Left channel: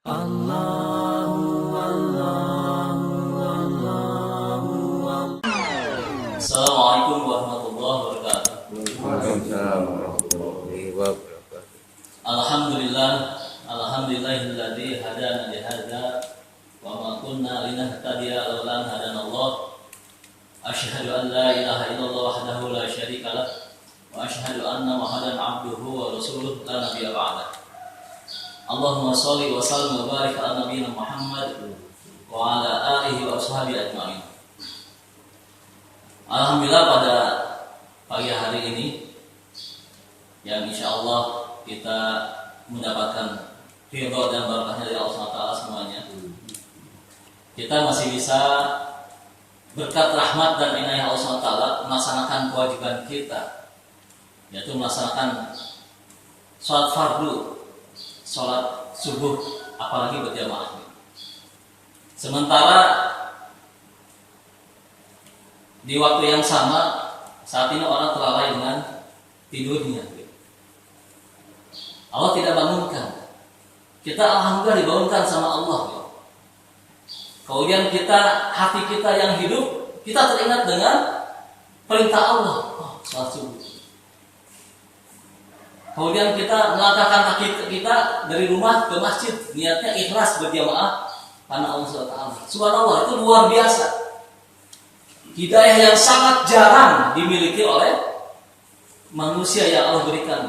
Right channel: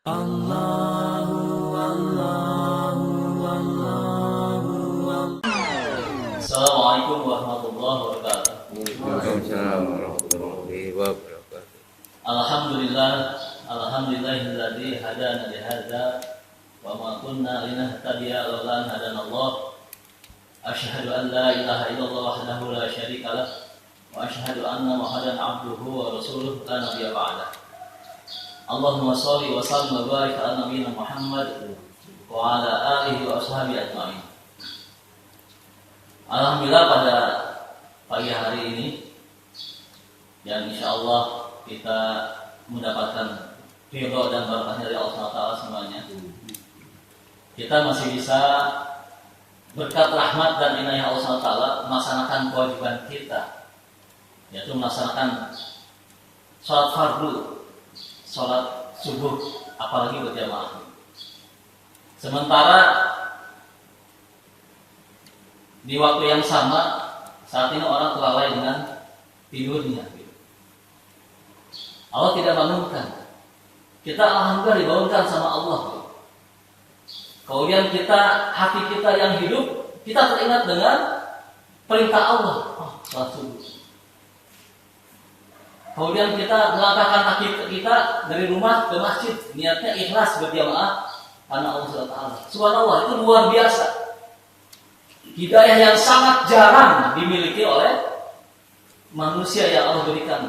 Assalamualaikum warahmatullahi wabarakatuh. Waalaikumsalam warahmatullahi wabarakatuh. Alhamdulillahilladzi hadana li hadza wa ma kunna linahtadiya laula an hadanallah. Asyhadu an la ilaha illallah wahdahu la syarika lah wa asyhadu anna Muhammadan abduhu wa rasuluh la nabiyya ba'da. Allahumma shalli wa sallim wa barik ala nabiyyina Muhammad wa ala alihi wa ashabihi ajma'in. Alhamdulillah pada pagi hari ini yang insya Allah kita mendapatkan ridho dan barakahnya dari Allah SWT semuanya. Kita masih bisa berkat rahmat dan inayah Allah SWT melaksanakan kewajiban kita, yaitu melaksanakan sholat fardu, sholat subuh, apalagi berjamaah. Sementara di waktu yang sama saat ini orang terlalai dengan tidurnya. Allah tidak bangunkan. Kita alhamdulillah dibangunkan sama Allah. Kemudian hati kita yang hidup, kita teringat dengan perintah Allah. Sholat subuh. Kemudian kita melangkahkan kaki kita dari rumah ke masjid, niatnya ikhlas berjamaah karena Allah SWT. Subhanallah, itu luar biasa. Hidayah yang sangat jarang dimiliki oleh manusia yang Allah berikan.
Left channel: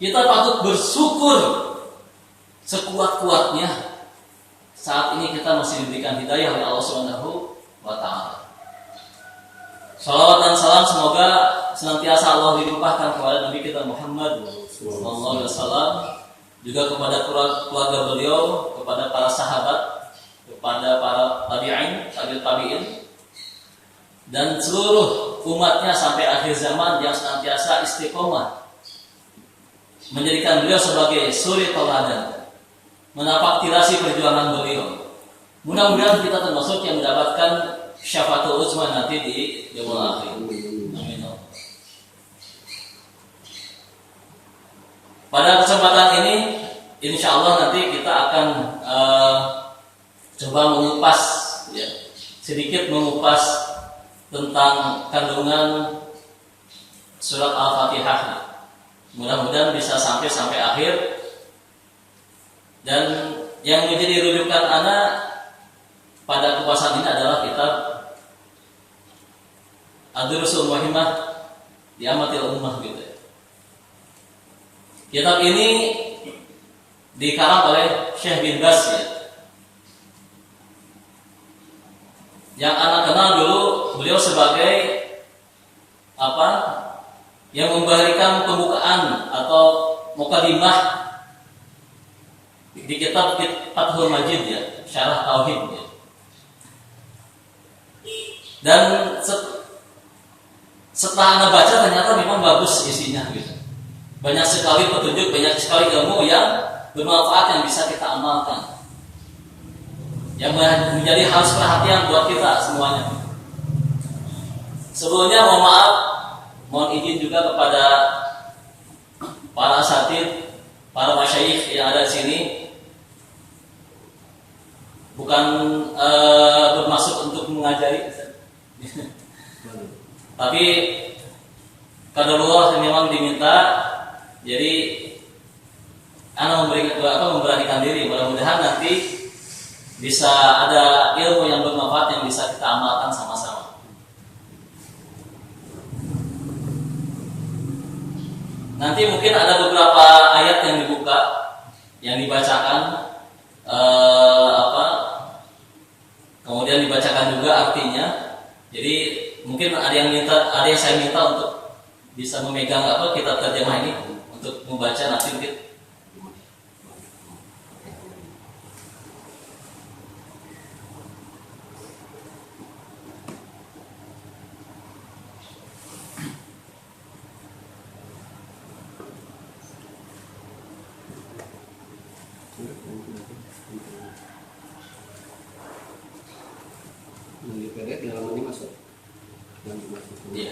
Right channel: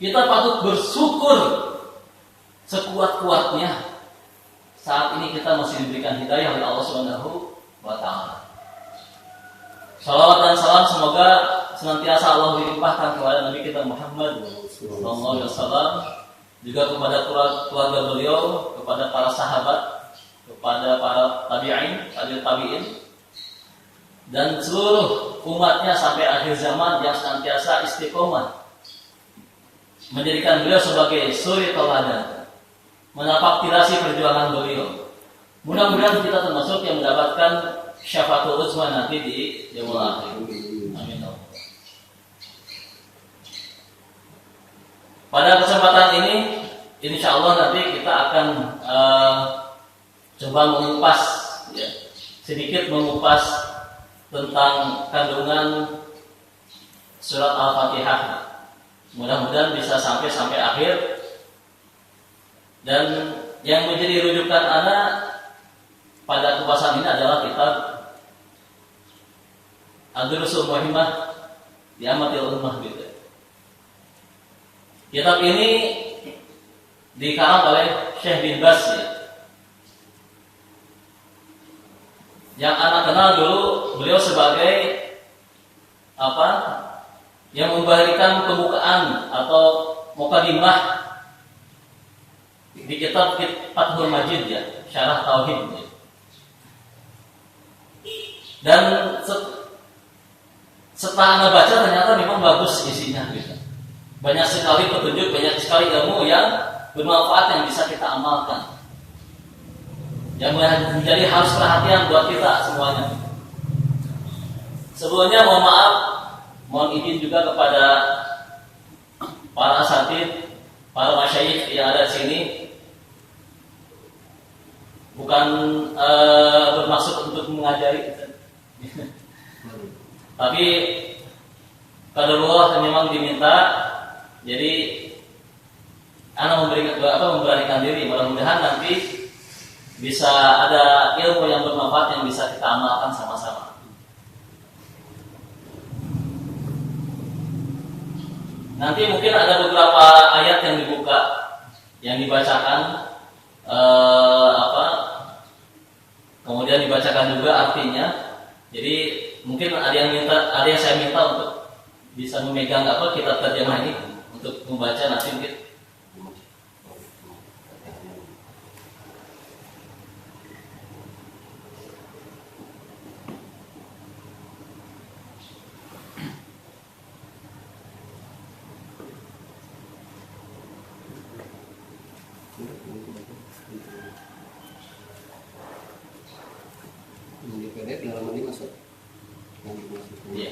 Kita patut bersyukur sekuat-kuatnya saat ini kita masih diberikan hidayah oleh Allah Subhanahu wa taala. Shalawat dan salam semoga senantiasa Allah limpahkan kepada Nabi kita Muhammad sallallahu alaihi wasallam, juga kepada keluarga beliau, kepada para sahabat, kepada para tabi'in, dan seluruh umatnya sampai akhir zaman yang senantiasa istiqomah menjadikan beliau sebagai suri teladan, menapaktirasi perjuangan beliau. Mudah-mudahan kita termasuk yang mendapatkan syafaatul uzma nanti di yaumul akhir. Amin. Pada kesempatan ini insyaallah nanti kita akan coba mengupas, sedikit mengupas tentang kandungan surat Al-Fatihah. Mudah-mudahan bisa sampai akhir. Dan yang menjadi rujukan anak pada kupasan ini adalah kitab Ad-Durusul Muhimmah di Amatil Ummah gitu. Kitab ini dikarang oleh Syekh bin Baz yang anak kenal dulu beliau sebagai yang memberikan pembukaan atau mukadimah di kitab Fathul Majid syarah tauhid. Dan setelah Anda baca ternyata memang bagus isinya gitu. Banyak sekali petunjuk, banyak sekali ilmu yang bermanfaat yang bisa kita amalkan, yang menjadi harus perhatian buat kita semuanya. Sebelumnya mohon izin juga kepada para asatidz, para masyayikh yang ada di sini. Bukan bermaksud untuk mengajari, tapi qadarullah memang diminta. Jadi anak memberanikan diri. Mudah-mudahan nanti bisa ada ilmu yang bermanfaat yang bisa kita amalkan sama-sama. Nanti mungkin ada beberapa ayat yang dibuka, yang dibacakan, kemudian dibacakan juga artinya. Jadi mungkin ada yang saya minta untuk bisa memegang kitab terjemah ini untuk membaca nanti mungkin. Yang diperet di halaman ini masuk. Iya.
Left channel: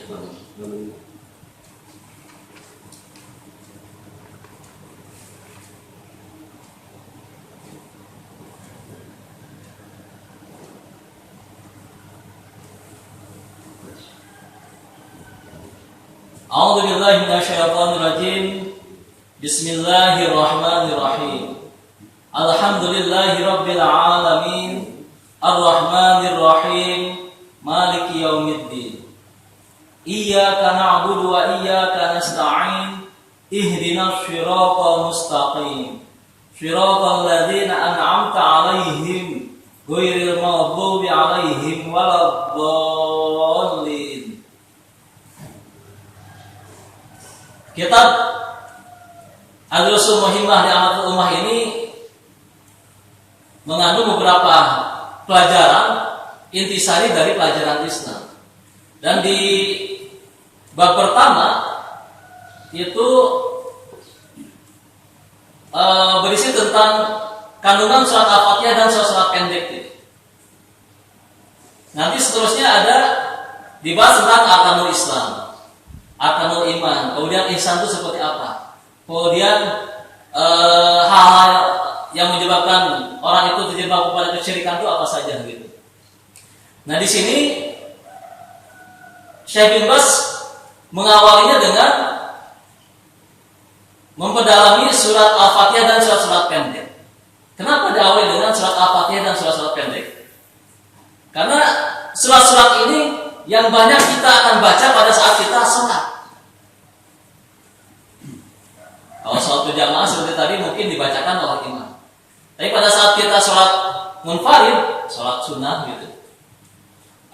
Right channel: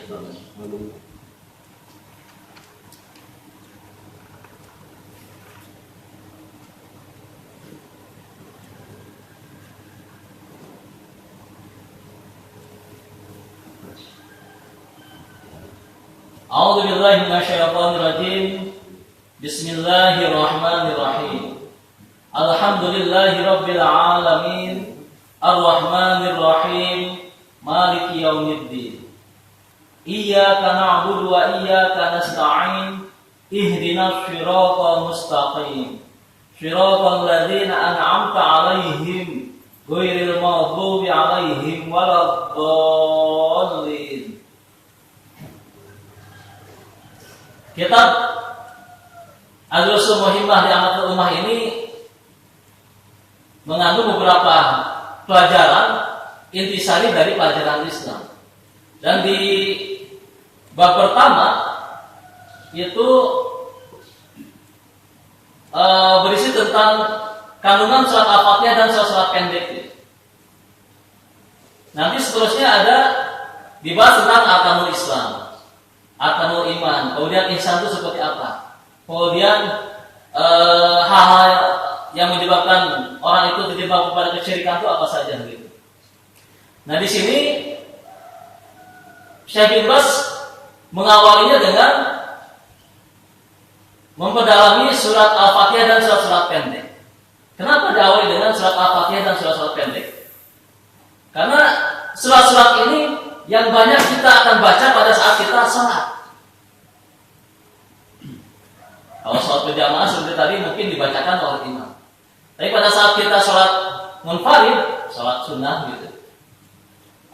A'udzu billahi minasyaitonir rajim. Bismillahirrahmanirrahim. Alhamdulillahi rabbil alamin. Arrahmanir rahim. Maliki yaumiddin. Iyyaka na'budu wa iyyaka nasta'in. Ihdinas shiratal mustaqim. Shiratal ladzina an'amta 'alaihim ghairil maghdubi 'alaihim waladdallin. Kitab Al-Usul Muhimmah di Amatul Ummah ini mengandung beberapa pelajaran intisari dari pelajaran Islam. Dan di bab pertama itu berisi tentang kandungan surat Al-Fatihah dan surat-surat pendek. Nanti seterusnya ada dibahas tentang arkanul Islam, arkanul iman, kemudian ihsan itu seperti apa, kemudian hal-hal yang menyebabkan orang itu terjebak kepada kesyirikan itu apa saja gitu. Nah di sini Syekh bin Baz mengawalinya dengan memperdalami surat Al-Fatihah dan surat-surat pendek. Kenapa diawali dengan surat Al-Fatihah dan surat-surat pendek? Karena surat-surat ini yang banyak kita akan baca pada saat kita sholat. Kalau sholat berjamaah seperti tadi mungkin dibacakan oleh imam. Tapi pada saat kita sholat munfarid, sholat sunnah gitu,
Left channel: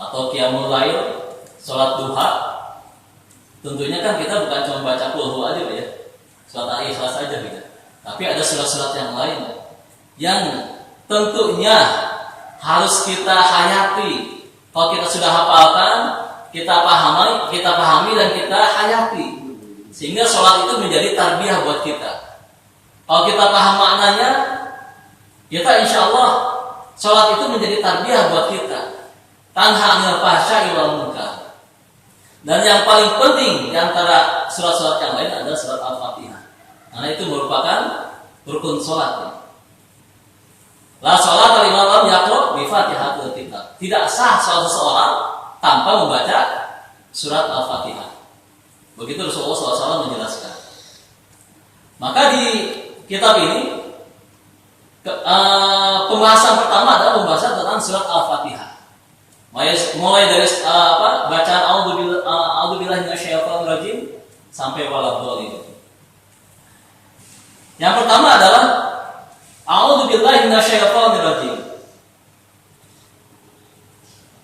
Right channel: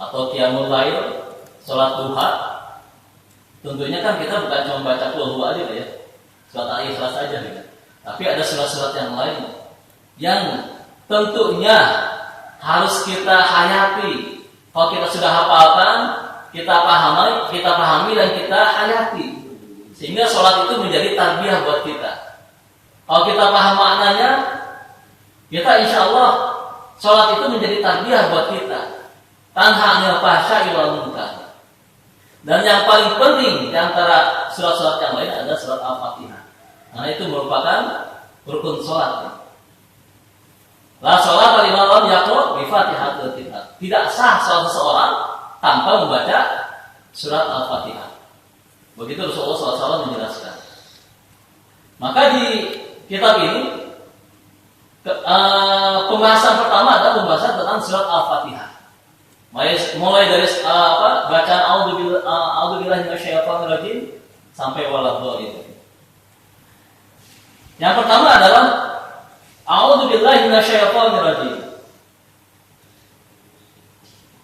atau qiyamul lail, sholat duha, tentunya kan kita bukan cuma baca qul huwa aja ya, surat Al-Ikhlas saja gitu. Tapi ada surat-surat yang lain yang tentunya harus kita hayati. Kalau kita sudah hafalkan, kita pahami dan kita hayati, sehingga sholat itu menjadi tarbiyah buat kita. Kalau kita paham maknanya, kita insya Allah sholat itu menjadi tarbiyah buat kita. Tanha 'anil fahsya'i wal munkar. Dan yang paling penting di antara surat-surat yang lain adalah surat Al-Fatihah. Karena itu merupakan rukun sholat. La sholat liman lam yaqra bi Fatihatil kitab. Tidak sah sholat seseorang tanpa membaca surat Al-Fatihah. Begitu Rasulullah SAW menjelaskan. Maka di kitab ini pembahasan pertama adalah pembahasan tentang surat Al-Fatihah. Mulai dari bacaan a'udzubillahi minasyaitonir rajim sampai waladhdallin. Yang pertama adalah a'udzubillahi minasyaitonir rajim.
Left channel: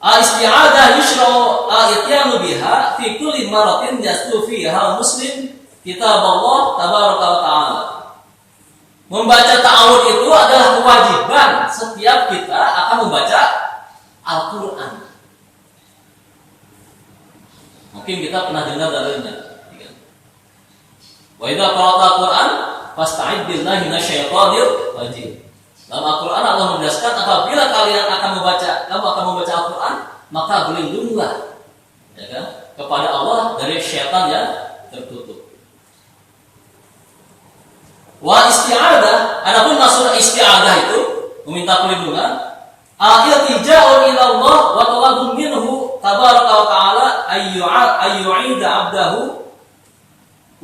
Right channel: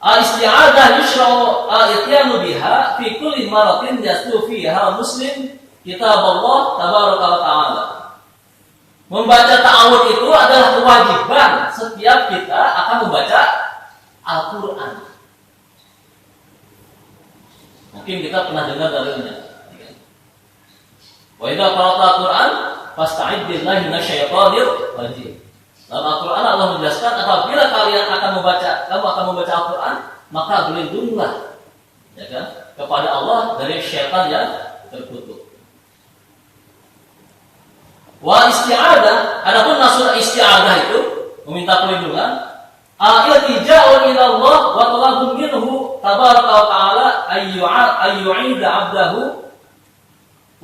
Isti'adzah yushra'u al-ityanu biha fi kulli maratin yastu fiha muslim kitab Allah tabaraka wa ta'ala. Membaca ta'awudz itu adalah kewajiban setiap kita akan membaca Al-Quran. Mungkin kita pernah dengar darinya. Wa idza qara'ta Al-Quran fasta'id billahi minasyaitonir rajim. Dalam Al-Quran Allah menjelaskan apabila kamu akan membaca Al-Quran, maka berlindunglah, ya kan, kepada Allah dari syaitan yang terkutuk. Wa isti'adah, adapun maksud isti'adah itu meminta perlindungan, al-iltija'u ila Allah wa talabun minhu tabaraka wa ta'ala ayyu'ida 'abdahu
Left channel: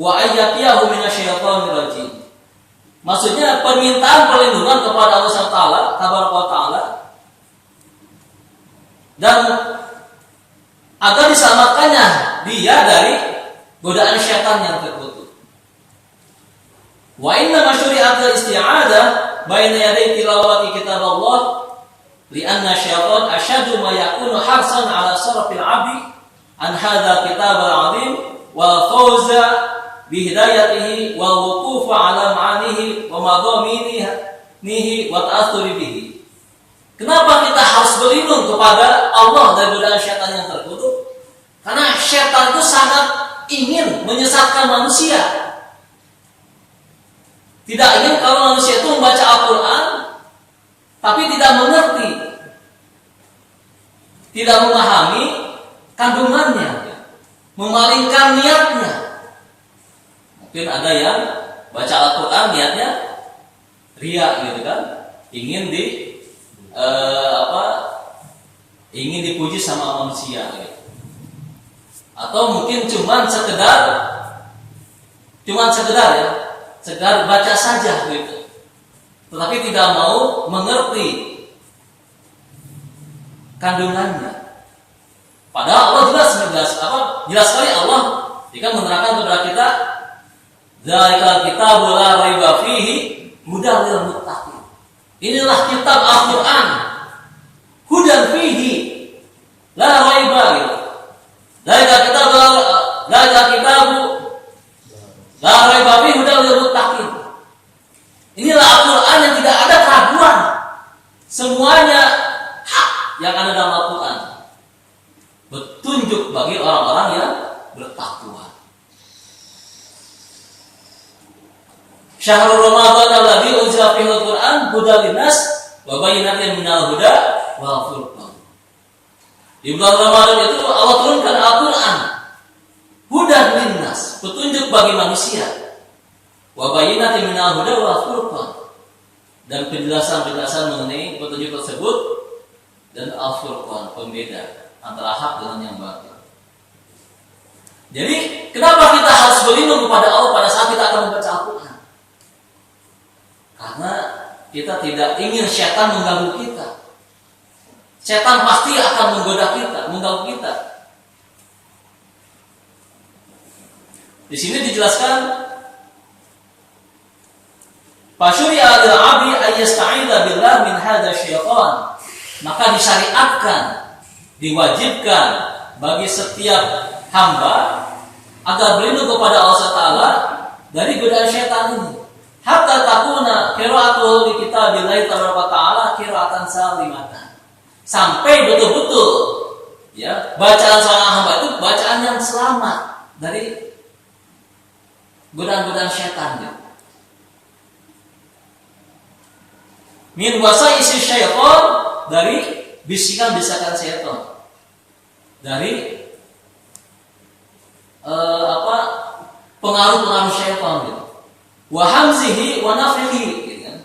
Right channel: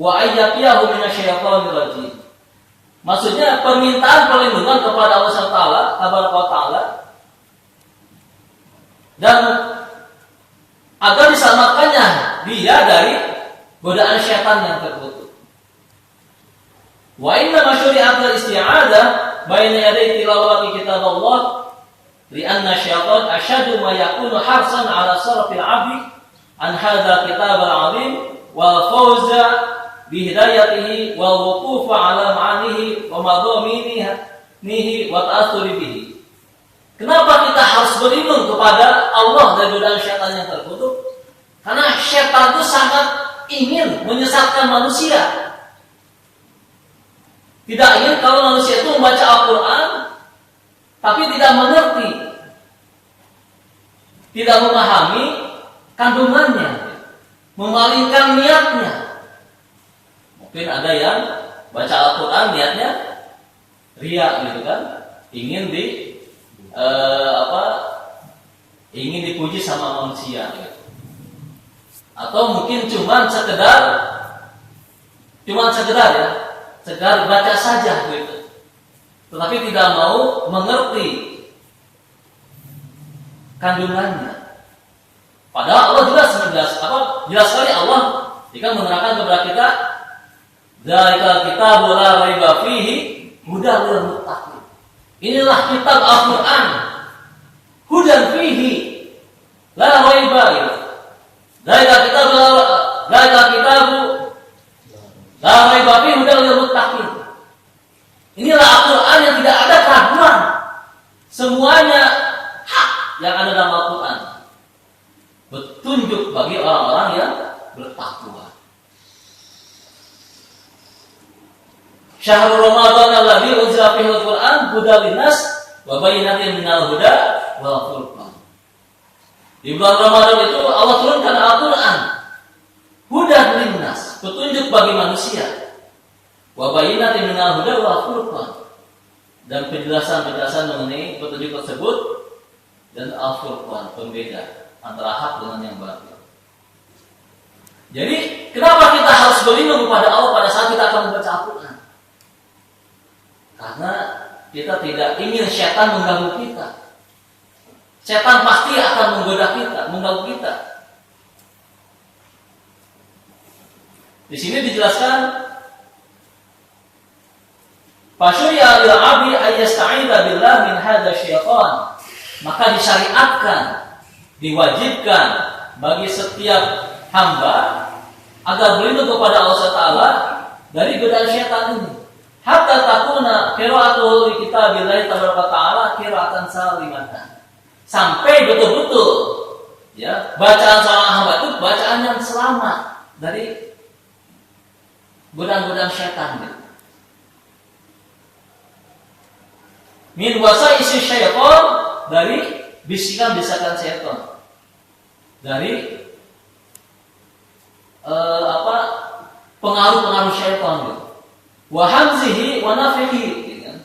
wa ayyaqiyahu minasyaitonir rajim. Maksudnya permintaan perlindungan kepada Allah SWT tabaraka wa ta'ala, dan agar diselamatkannya dia dari godaan syaitan yang terkutuk. Wa inna masyuri'atul isti'adah baina yaday tilawati kitab Allah li'anna syaitan asyadu ma yakunu harsan ala sarfil 'abdi an hadza kitabal 'azim wal fawza bihidayatihi wal wuqufa ala ma'anihi wa madhaminihi wa ta'athuri bihi. Kenapa kita harus berlindung kepada Allah dari godaan syaitan yang terkutuk? Karena syaitan itu sangat ingin menyesatkan manusia. Tidak ingin kalau manusia itu membaca Al-Quran tapi tidak mengerti, tidak memahami kandungannya, memalingkan niatnya. Mungkin ada yang baca Al-Quran niatnya riya gitu kan, ingin ingin dipuji sama manusia gitu. Atau mungkin cuman sekedar ya, sekedar baca saja gitu. Tetapi tidak mau mengerti kandungannya. Padahal Allah jelas sekali Allah jika menerangkan kepada kita, "Dzalikal kitabu la raiba fihi hudan lil muttaqin." Inilah kitab Al-Qur'an, hudan fihi la raiba gitu. Dzalikal kitabu la raiba fihi hudan lil muttaqin. Inilah Al-Qur'an yang tidak ada keraguan. Semuanya hak yang ada dalam Al-Qur'an. Petunjuk bagi orang-orang yang bertakwa. Syahrul Ramadan alladzi unzila fihi al-Qur'an hudan linnas wa bayyinatin minal huda wal furqan. Di bulan Ramadan itu Allah turunkan Al-Qur'an hudan linnas, petunjuk bagi manusia. Wa bayyinatin minal huda wal furqan. Dan penjelasan-penjelasan mengenai petunjuk tersebut dan al-furqan, pembeda antara hak dengan yang batil. Jadi, kenapa kita harus berlindung kepada Allah pada saat kita akan membaca Al-Quran? Karena kita tidak ingin syaitan mengganggu kita. Syaitan pasti akan menggoda kita, mengganggu kita. Di sini dijelaskan, "Fasyuri'a lil 'abdi ay yasta'idza billah min hadzal syaitan." Maka disyariatkan, diwajibkan bagi setiap hamba agar berlindung kepada Allah Taala dari godaan syaitan ini. Hatta takuna qira'atuhu li kitabillahi ta'ala qira'atan salimatan. Sampai betul-betul ya, bacaan seorang hamba itu bacaan yang selamat dari godaan-godaan syaitan. Min wasa'isi syaitan, dari bisikan-bisikan syaitan. Dari pengaruh-pengaruh syaitan gitu. Wa hamzihi wa nafihi gitu kan.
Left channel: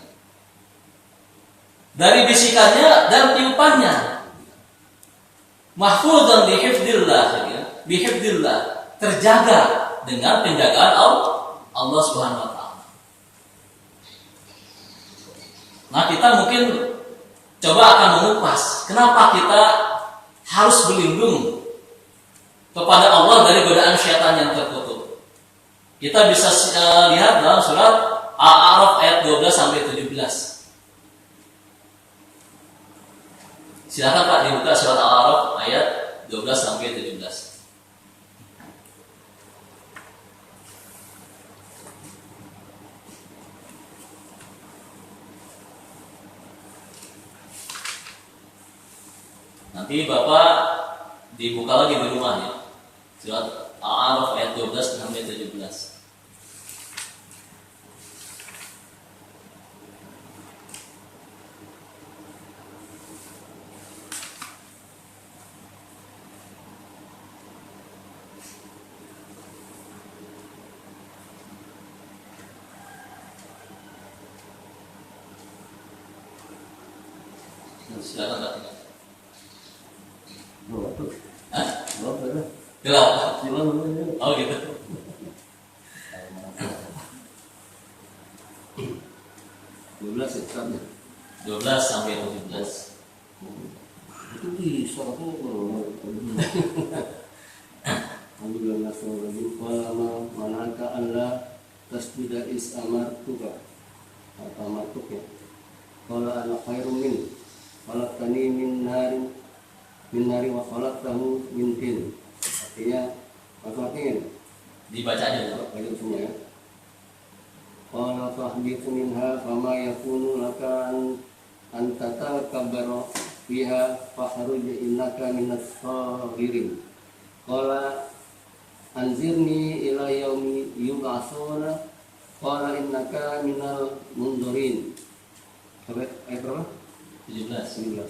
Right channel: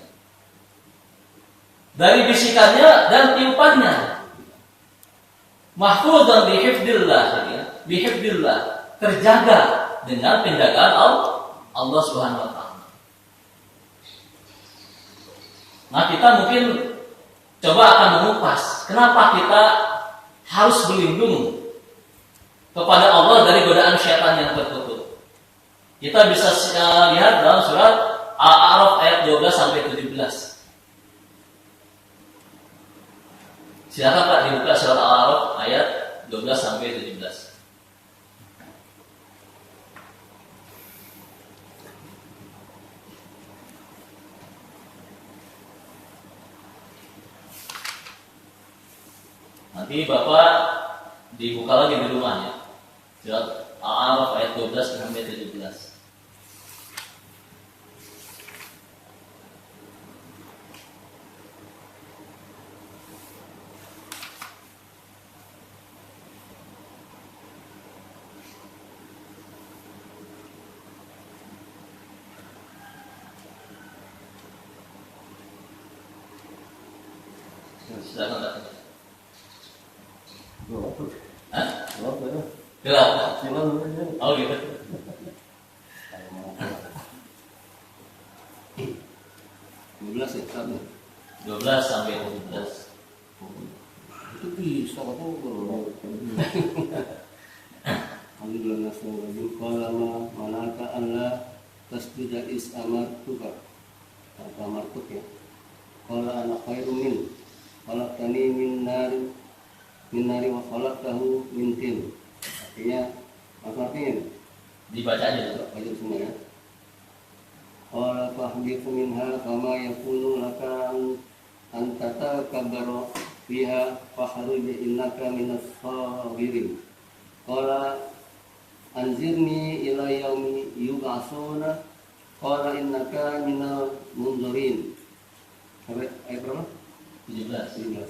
Dari bisikannya dan tiupannya. Mahfuzan bihifdzillah gitu kan. Bihifdzillah, terjaga dengan penjagaan Allah Subhanahu wa taala. Nah, kita mungkin coba akan mengupas kenapa kita harus berlindung kepada Allah dari godaan syaitan yang tertutup. Kita bisa lihat dalam surat Al-A'raf ayat 12 sampai 17. Silakan Pak dibuka surat Al-A'raf ayat 12 sampai 17. Nanti Bapak dibuka lagi di rumah ya. Surat Al-A'raf ayat 12 sampai 17. Silakan Pak. Hah? Gelap. Oh gitu. 12 sampai 17. Itu bisa kalau Alhamdulillah nasrul qala manaka alla tasbida is amartuka. Apa amartuka? Qala ana khairum min khalaqtani min nari wa khalaqtahu min tin. Artinya Dibaca aja dulu. Baca semua ya. Qala fahbitu minha fama yakunu laka an tatakabbara fiha fakhruj innaka minas sabirin. Qala anzirni ila yaumi yub'atsuna qala innaka minal munzirin. Sampai ayat berapa? 17.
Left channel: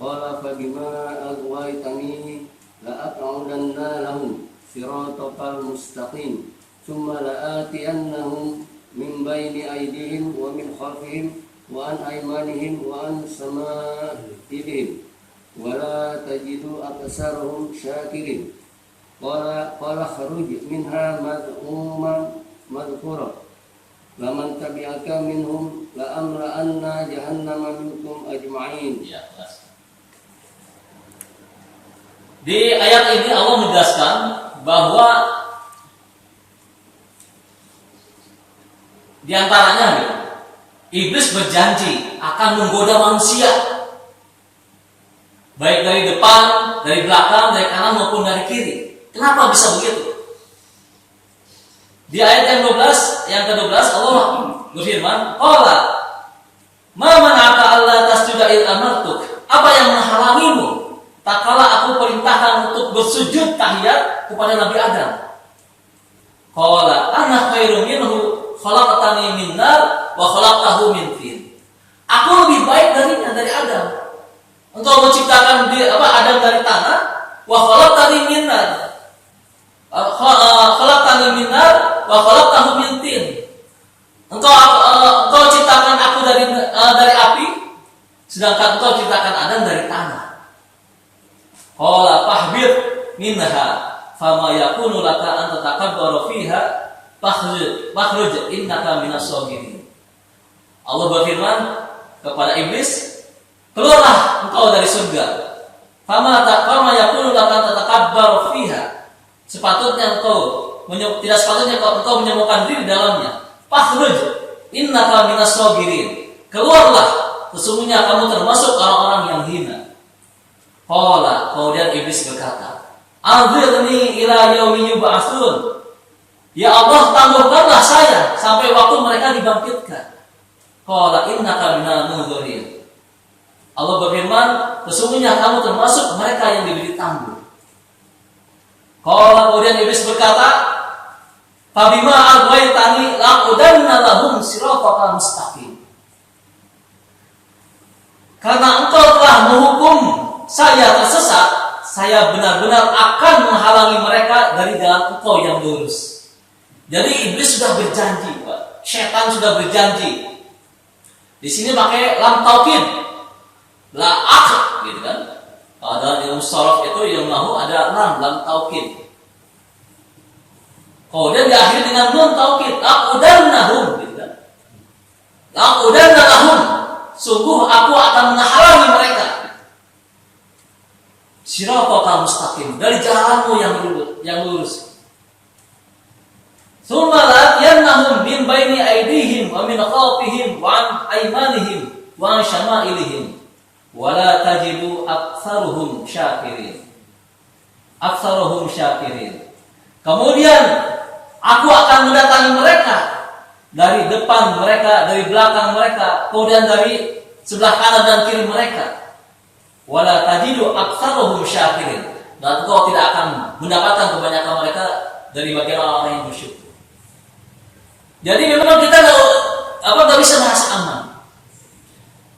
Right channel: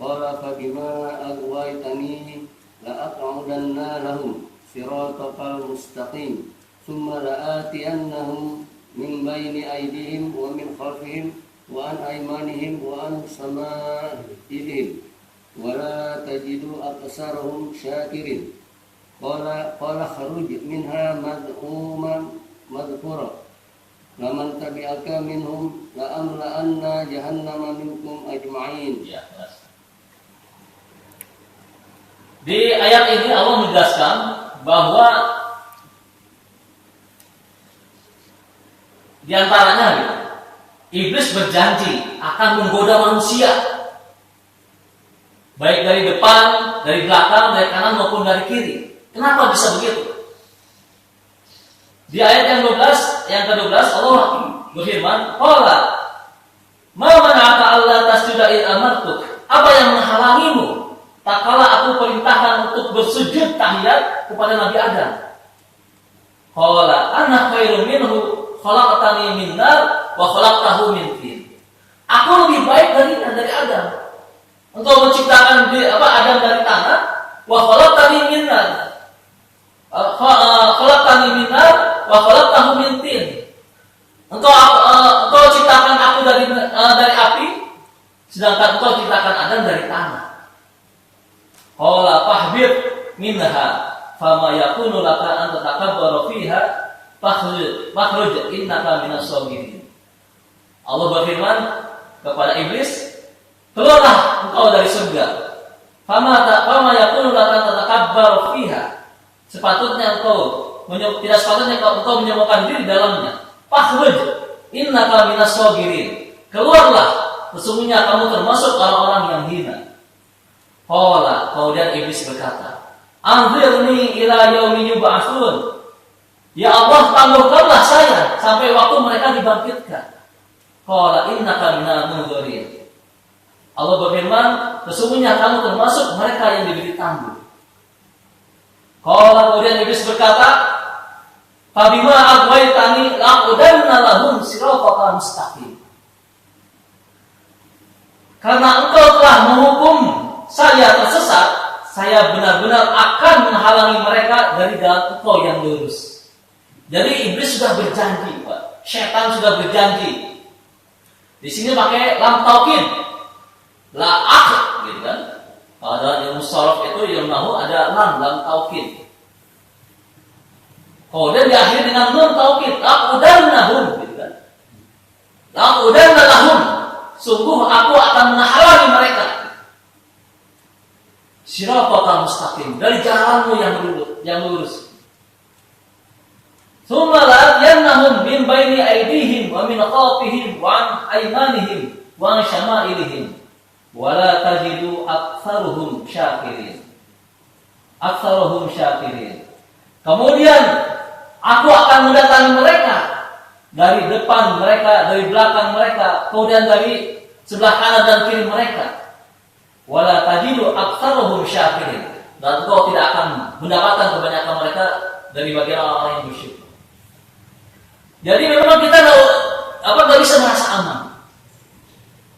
Qala fa bima aghwaytani la aq'udanna lahum siratal mustaqim thumma la'atiyannahum min baini aydihim wa min khalfihim wa an aymanihim wa an sama'ihim wa la tajidu aksarahum syakirin. qala kharuj minha mad'uman madhkura laman tabi'aka minhum la amla'anna jahannama minkum ajma'in. Ya, jelas. Di ayat ini Allah menjelaskan bahwa di antaranya iblis berjanji akan menggoda manusia baik dari depan, dari belakang, dari kanan maupun dari kiri. Kenapa bisa begitu? Di ayat yang ke-12 Allah berfirman, "Qala ma mana'aka alla tasjuda id amartuk?" Apa yang menghalangimu tak kala aku perintahkan untuk bersujud tahiyat kepada Nabi Adam? Qala ana khairum minhu khalaqtani min nar wa khalaqtahu min tin. Aku lebih baik darinya, dari Adam. Engkau menciptakan Adam dari tanah, wa khalaqtani min nar. Khalaqtani min nar wa khalaqtahu min tin. Engkau ciptakan aku dari api, sedangkan engkau ciptakan Adam dari tanah. Qala fahbir minha fama yakunu laka an tatakabbara fiha fakhruj innaka minas sagirin. Allah berfirman kepada iblis, keluarlah engkau dari surga. Fama yakunu laka an tatakabbara fiha. Tidak sepatutnya engkau menyombongkan diri di dalamnya. Fakhruj innaka minas sagirin. Keluarlah, sesungguhnya kamu termasuk orang-orang yang hina. Qala, kemudian iblis berkata, anzirni ila yaumi yub'atsun. Ya Allah, tangguhkanlah saya sampai waktu mereka dibangkitkan. Qala innaka minal munzirin. Allah berfirman, sesungguhnya kamu termasuk mereka yang diberi tangguh. Qala, kemudian iblis berkata, fabima aghwaytani laqudanna lahum siratal mustaqim. Karena engkau telah menghukum saya tersesat, saya benar-benar akan menghalangi mereka dari jalan engkau yang lurus. Jadi iblis sudah berjanji, Pak. Setan sudah berjanji. Di sini pakai lam taukid, la akh, gitu kan? Kalau dalam ilmu sharaf itu ilmu nahu ada lam taukid. Kemudian diakhiri dengan nun taukid, laqudannahum, gitu kan? Laqudannahum, sungguh aku akan menghalangi mereka. Siratal mustaqim, dari jalanmu yang lurus. Tsumma la'yannahum min baini aydihim wa min khalfihim wa an aymanihim wa an syama'ilihim wa la tajidu aktsaruhum syakirin. Kemudian aku akan mendatangi mereka dari depan mereka, dari belakang mereka, kemudian dari sebelah kanan dan kiri mereka. Wala tajidu aktsaruhum syakirin. Dan kau tidak akan mendapatkan kebanyakan mereka dari bagian orang yang bersyukur. Jadi memang kita tidak bisa merasa aman.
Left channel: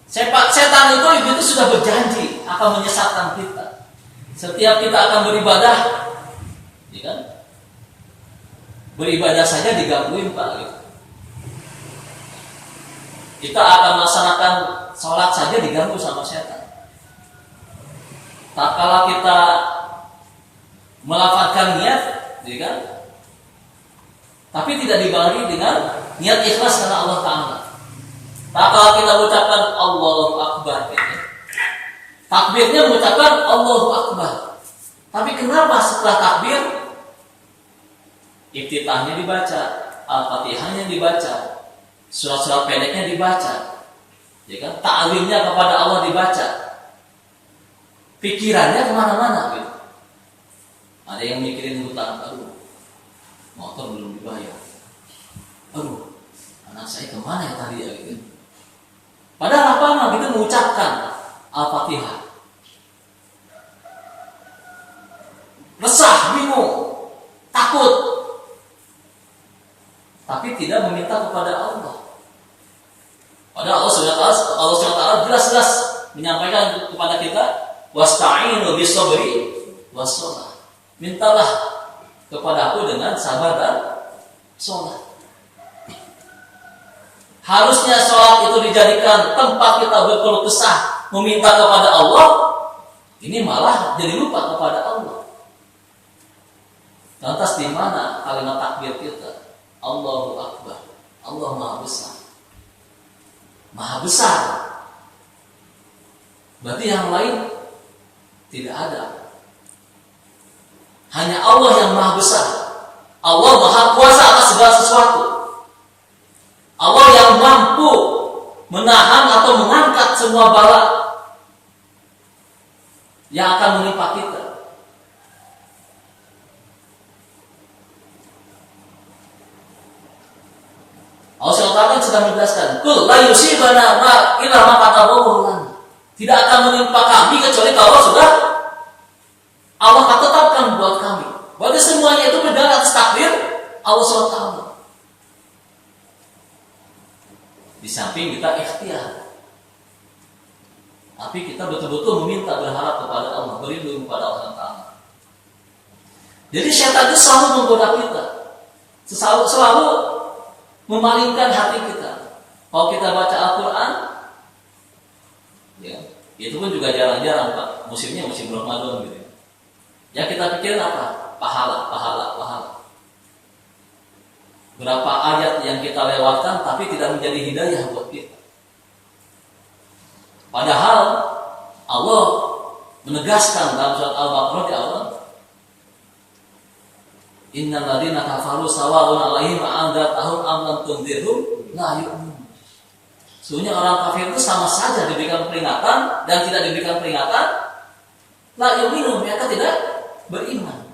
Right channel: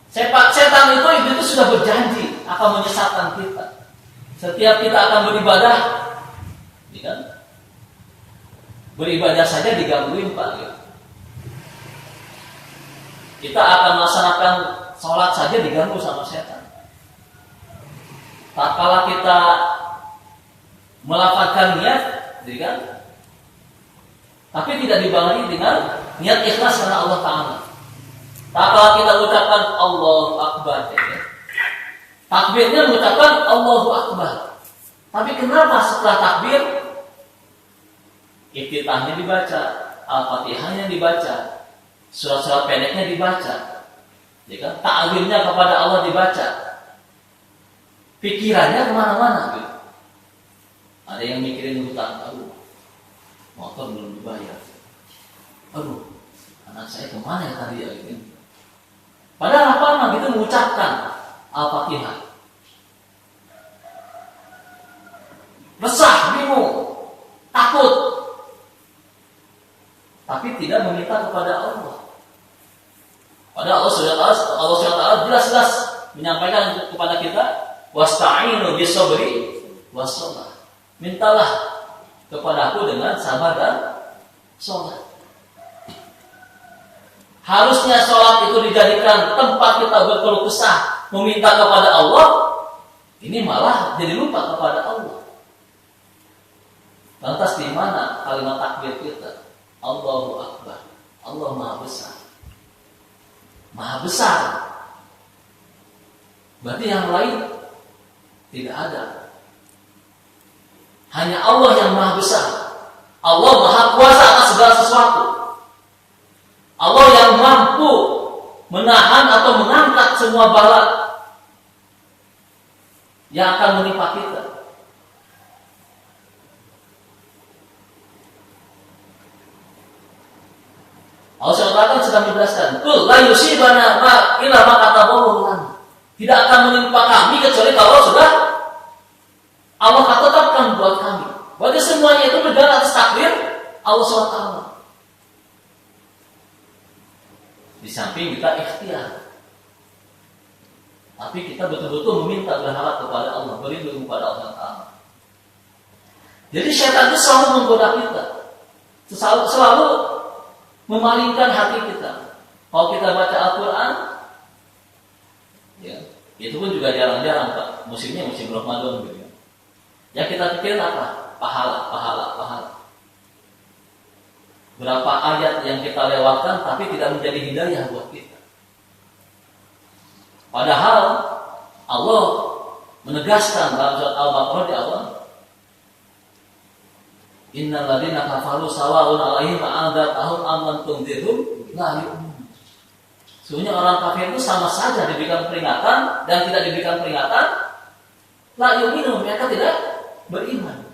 Setan itu sudah berjanji akan menyesatkan kita. Setiap kita akan beribadah, ya kan? Beribadah saja digangguin, Pak. Gitu. Kita akan melaksanakan sholat saja diganggu sama setan. Tak kala kita melafalkan niat, gitu kan? Tapi tidak dibarengi dengan niat ikhlas karena Allah Ta'ala. Tak kala kita mengucapkan Allahu Akbar, gitu. Takbirnya mengucapkan Allahu Akbar. Tapi kenapa setelah takbir iftitahnya dibaca, Al-Fatihahnya dibaca, surat-surat pendeknya dibaca, ya kan? Ta'zimnya kepada Allah dibaca, pikirannya kemana-mana gitu. Ada yang mikirin hutang, aduh, motor belum dibayar, aduh, anak saya kemana ya tadi ya gitu. Padahal apa gitu mengucapkan Al-Fatihah, resah, bingung, takut, tapi tidak meminta kepada Allah. Padahal Allah SWT jelas-jelas menyampaikan kepada kita, wasta'inu bis-sabri was-shalah. Mintalah kepadaku dengan sabar dan sholat. Harusnya sholat itu dijadikan tempat kita berkeluh kesah, meminta kepada Allah. Ini malah jadi lupa kepada Allah. Lantas di mana kalimat takbir kita? Allahu Akbar. Allah Maha Besar. Maha Besar. Berarti yang lain tidak ada. Hanya Allah yang Maha Besar. Allah Maha Kuasa atas segala sesuatu. Allah yang mampu menahan atau mengangkat semua bala yang akan menimpa kita. Allah SWT sedang menjelaskan, "Qul la yusibana ma illa ma katabahu lana." Tidak akan menimpa kami kecuali kalau sudah Allah tetapkan buat kami. Berarti semuanya itu berjalan atas takdir Allah SWT. Di samping kita ikhtiar, tapi kita betul-betul meminta, berharap kepada Allah, berlindung kepada Allah Taala. Jadi syaitan itu selalu menggoda kita, selalu memalingkan hati kita. Kalau kita baca Al-Quran, ya, itu pun juga jarang-jarang, Pak. Musimnya musim Ramadan gitu. Yang kita pikirin apa? Pahala. Berapa ayat yang kita lewatkan tapi tidak menjadi hidayah buat kita. Padahal Allah menegaskan dalam surat Al-Baqarah di awal, "Innal ladzina kafaru sawa'un 'alaihim a'andzartahum am lam tunzirhum la yu'minun." Sesungguhnya orang kafir itu sama saja diberikan peringatan dan tidak diberikan peringatan, la yu'minun, mereka tidak beriman.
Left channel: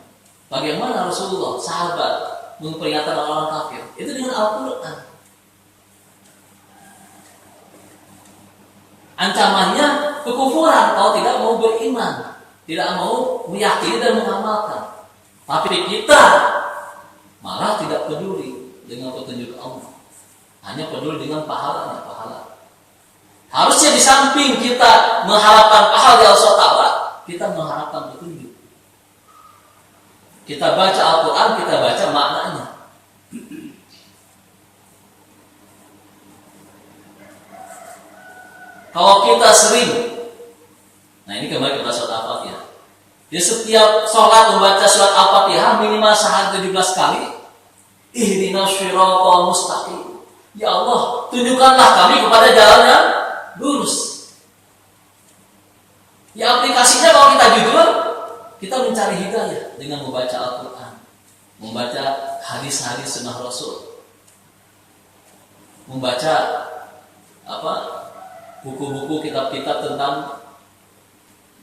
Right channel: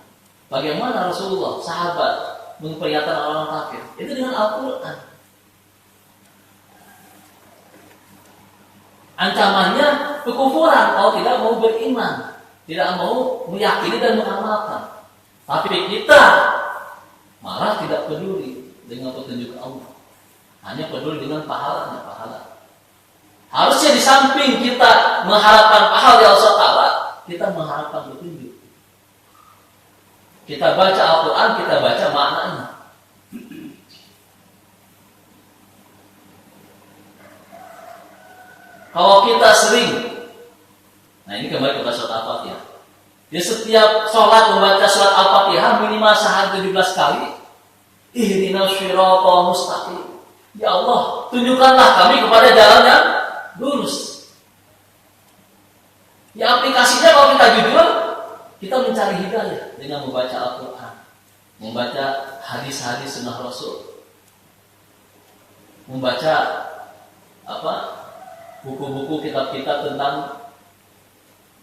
Bagaimana Rasulullah, sahabat memperingatkan orang kafir? Itu dengan Al-Quran. Ancamannya kekufuran kalau tidak mau beriman, tidak mau meyakini dan mengamalkan. Tapi kita malah tidak peduli dengan petunjuk Allah, hanya peduli dengan pahalanya. Harusnya di samping kita mengharapkan pahala dari Allah Ta'ala, kita mengharapkan petunjuk. Kita baca Al-Quran, kita baca maknanya. Kalau kita sering, nah ini kembali kepada surat Al-Fatihah. Di setiap sholat membaca surat Al-Fatihah minimal sehari 17 kali. Ihdinas shiratal mustaqim. Ya Allah, tunjukkanlah kami kepada jalan yang lurus. Ya aplikasinya kalau kita jujur, kita mencari hidayah dengan membaca Al-Quran, membaca hadis-hadis sunnah Rasul, membaca buku-buku kitab-kitab tentang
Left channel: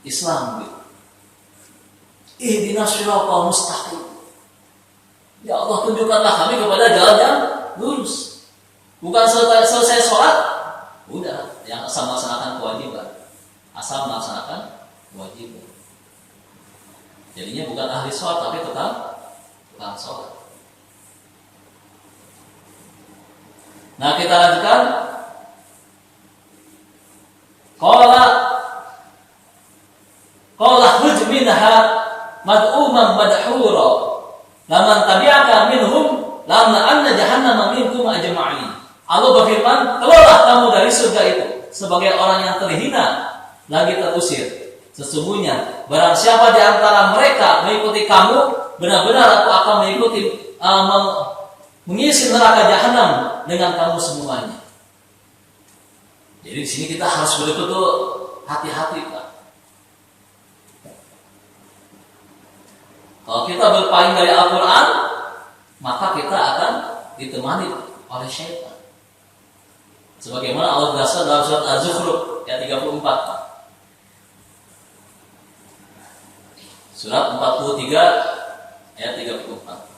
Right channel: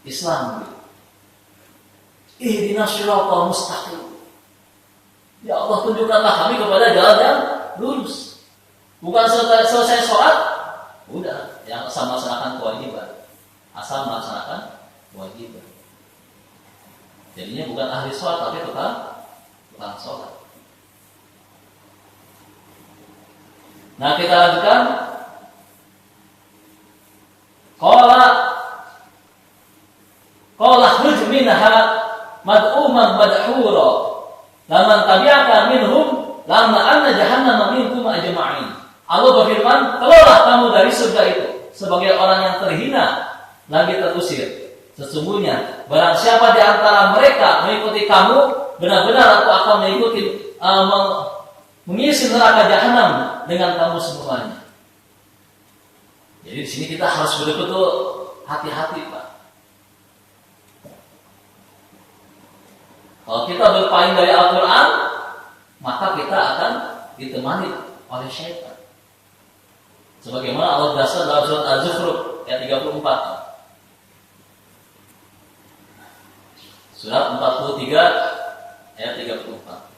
Islam. Ihdinas shiratal mustaqim. Ya Allah, tunjukkanlah kami kepada jalan yang lurus. Bukan selesai sholat, udah yang asal melaksanakan kewajiban, asal melaksanakan kewajiban. Jadinya bukan ahli sholat tapi tukang sholat. Nah, kita lanjutkan. Qala khruj minha mad'uman madhura laman tabi'aka minhum lam la'anna jahannama minkum ajma'in. Allah berfirman, "Keluarlah kamu dari surga itu sebagai orang yang terhina lagi terusir. Sesungguhnya barang siapa di antara mereka mengikuti kamu, benar-benar aku akan mengisi neraka jahanam dengan kamu semuanya." Jadi di sini kita harus betul-betul hati-hati, Pak. Kalau kita berpaling dari Al-Quran, maka kita akan ditemani oleh syaitan. Sebagaimana Allah jelaskan dalam surat Az-Zukhruf ayat 34. Surat 43 ayat 34.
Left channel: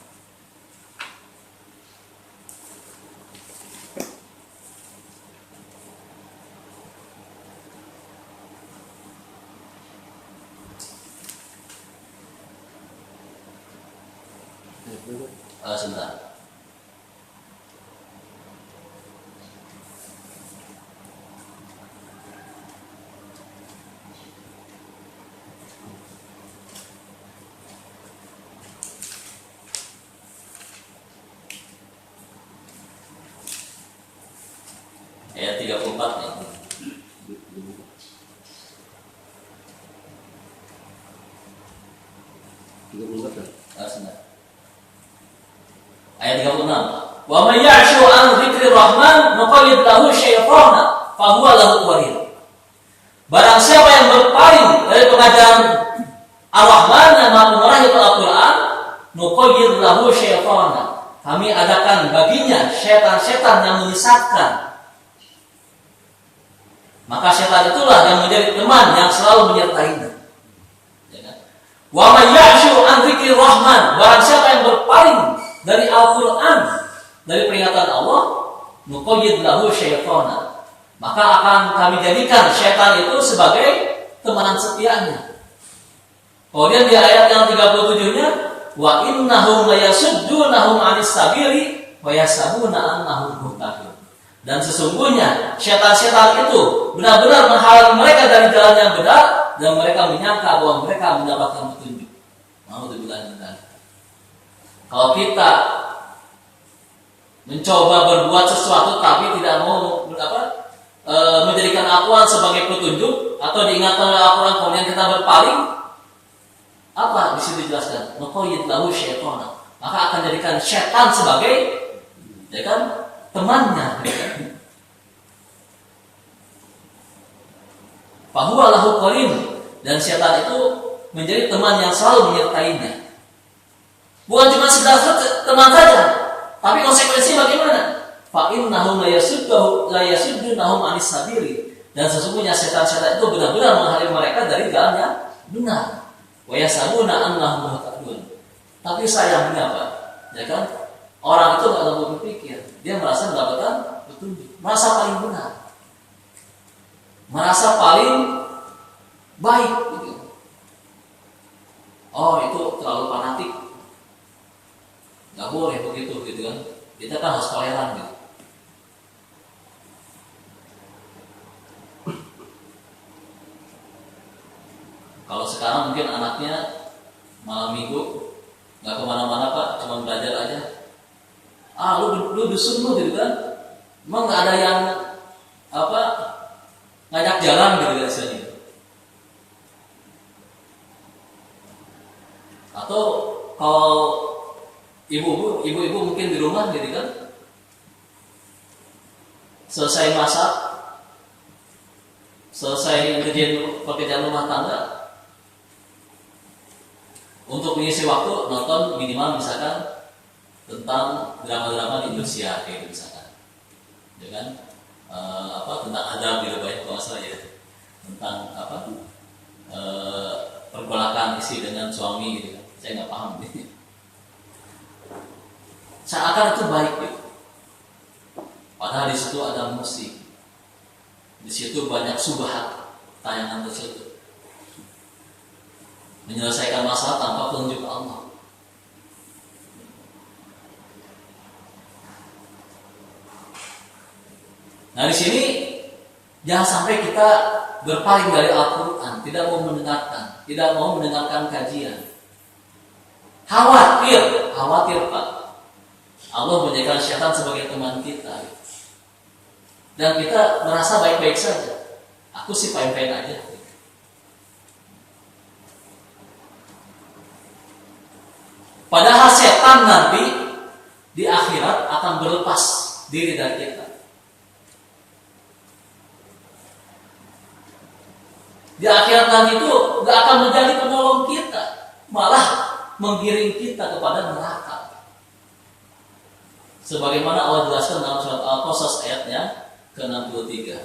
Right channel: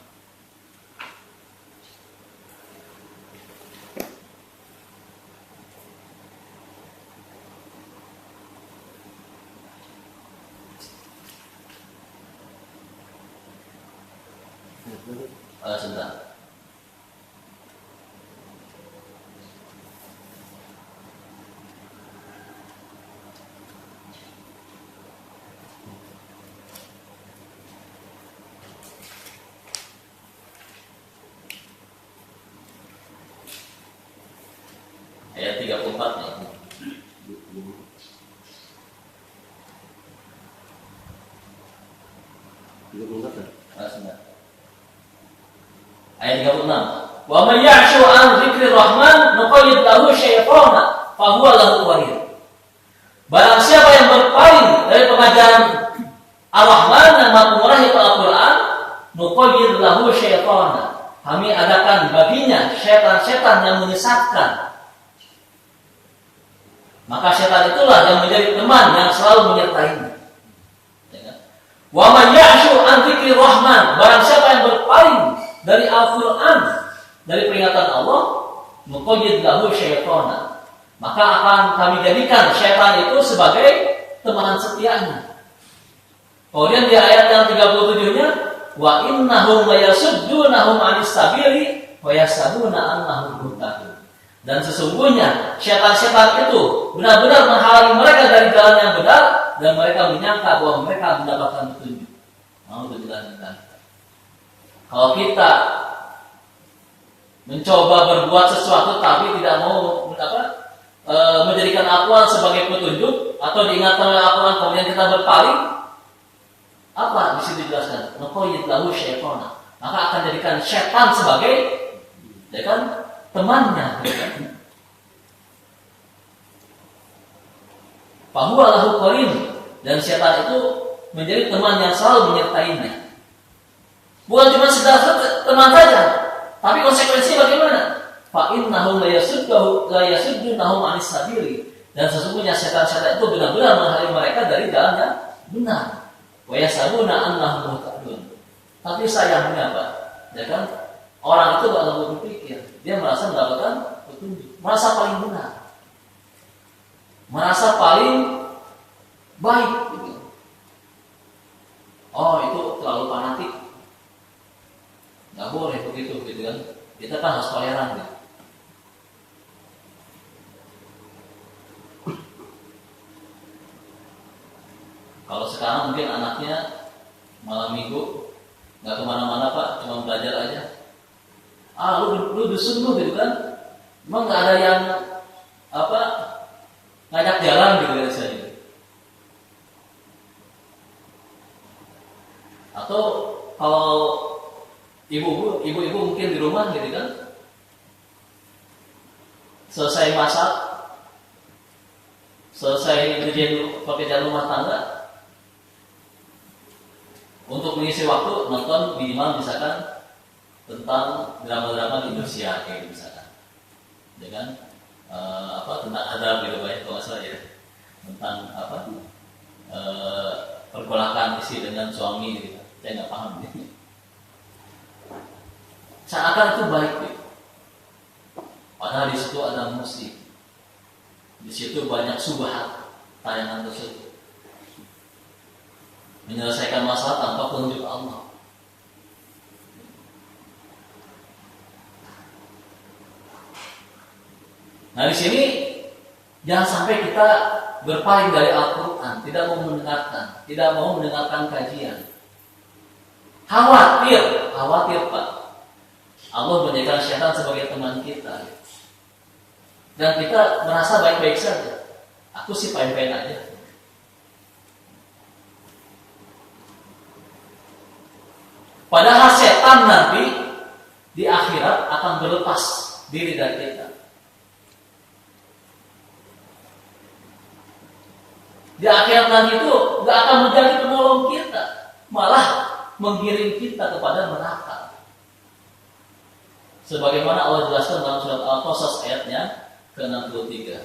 Sebentar. Ayat 34 nih. Sebentar. Ayat 36. Wa may ya'shu an dzikrir rahman nuqayyid lahu syaitana fa huwa lahu qarin. Barang siapa yang berpaling dari pengajaran Ar-Rahman yang Maha Pengarah itu Al-Qur'an, nuqayyid lahu syaitana. Kami adakan baginya syaitan-syaitan yang menyesatkan. Maka syaitan itulah yang menjadi teman yang selalu menyertainya. Ya kan? Wa may ya'shu an dzikrir rahman, barang siapa yang berpaling dari Al-Qur'an, dari peringatan Allah, nuqayyid lahu syaitana. Maka akan kami jadikan syaitan itu sebagai temanan setianya. Kemudian di ayat yang 37-nya, wa innahum layasuddunahum 'anis sabili wa yasabuna annahum muhtadun. Dan sesungguhnya syaitan-syaitan itu benar-benar menghalangi mereka dari jalan yang benar dan mereka menyangka bahwa mereka mendapatkan petunjuk. Alhamdulillah. Kalau kita mencoba berbuat sesuatu tapi tidak mau menjadikan Al-Quran sebagai petunjuk atau diingatkan oleh Al-Quran kemudian kita berpaling, apa di situ dijelaskan? Nuqayyid lahu syaitana. Maka akan jadikan syaitan sebagai ya kan temannya. Fahuwa lahu qarin, dan syaitan itu menjadi teman yang selalu menyertainya. Bukan cuma sekedar teman saja, tapi konsekuensi bagaimana? Fa innahum la yasuddunahum 'anis sabili, dan sesungguhnya syaitan-syaitan itu benar-benar menghalangi mereka dari jalan yang benar. Wa yasabuna annahum muhtadun. Tapi sayangnya apa? Ya kan? Orang itu kalau berpikir, dia merasa mendapatkan petunjuk, merasa paling benar, merasa paling baik gitu. Oh, itu terlalu fanatik, nggak boleh begitu gitu kan? Kita kan harus toleran gitu. Kalau sekarang mungkin anaknya malam minggu nggak kemana-mana Pak, cuma belajar aja. Lu dusun lu gitu kan? Emang nggak ada yang ngajak jalan gitu kan istilahnya. Atau kalau ibu-ibu mungkin di rumah gitu kan, selesai masak, selesai pekerjaan rumah tangga, untuk mengisi waktu nonton minimal misalkan tentang drama-drama di Indonesia kayak gitu misalkan, ya kan, tentang adab gitu banyak kalau salah ya, tentang pergolakan istri dengan suami gitu kan, saya nggak paham gitu. Seakan itu baik gitu, padahal di situ ada musik, di situ banyak subhat tayangan tersebut menyelesaikan masalah tanpa petunjuk Allah. Nah di sini jangan sampai kita berpaling dari Al-Quran, tidak mau mendengarkan kajian. Khawatir Pak, Allah menjadikan syaitan sebagai teman kita, dan kita merasa baik-baik saja. Aku sih fine-fine aja. Padahal setan nanti di akhirat akan berlepas diri dari kita. Di akhirat nanti itu gak akan menjadi penolong kita, malah menggiring kita kepada neraka. Sebagaimana Allah jelaskan dalam surat Al-Qasas ayatnya ke-63.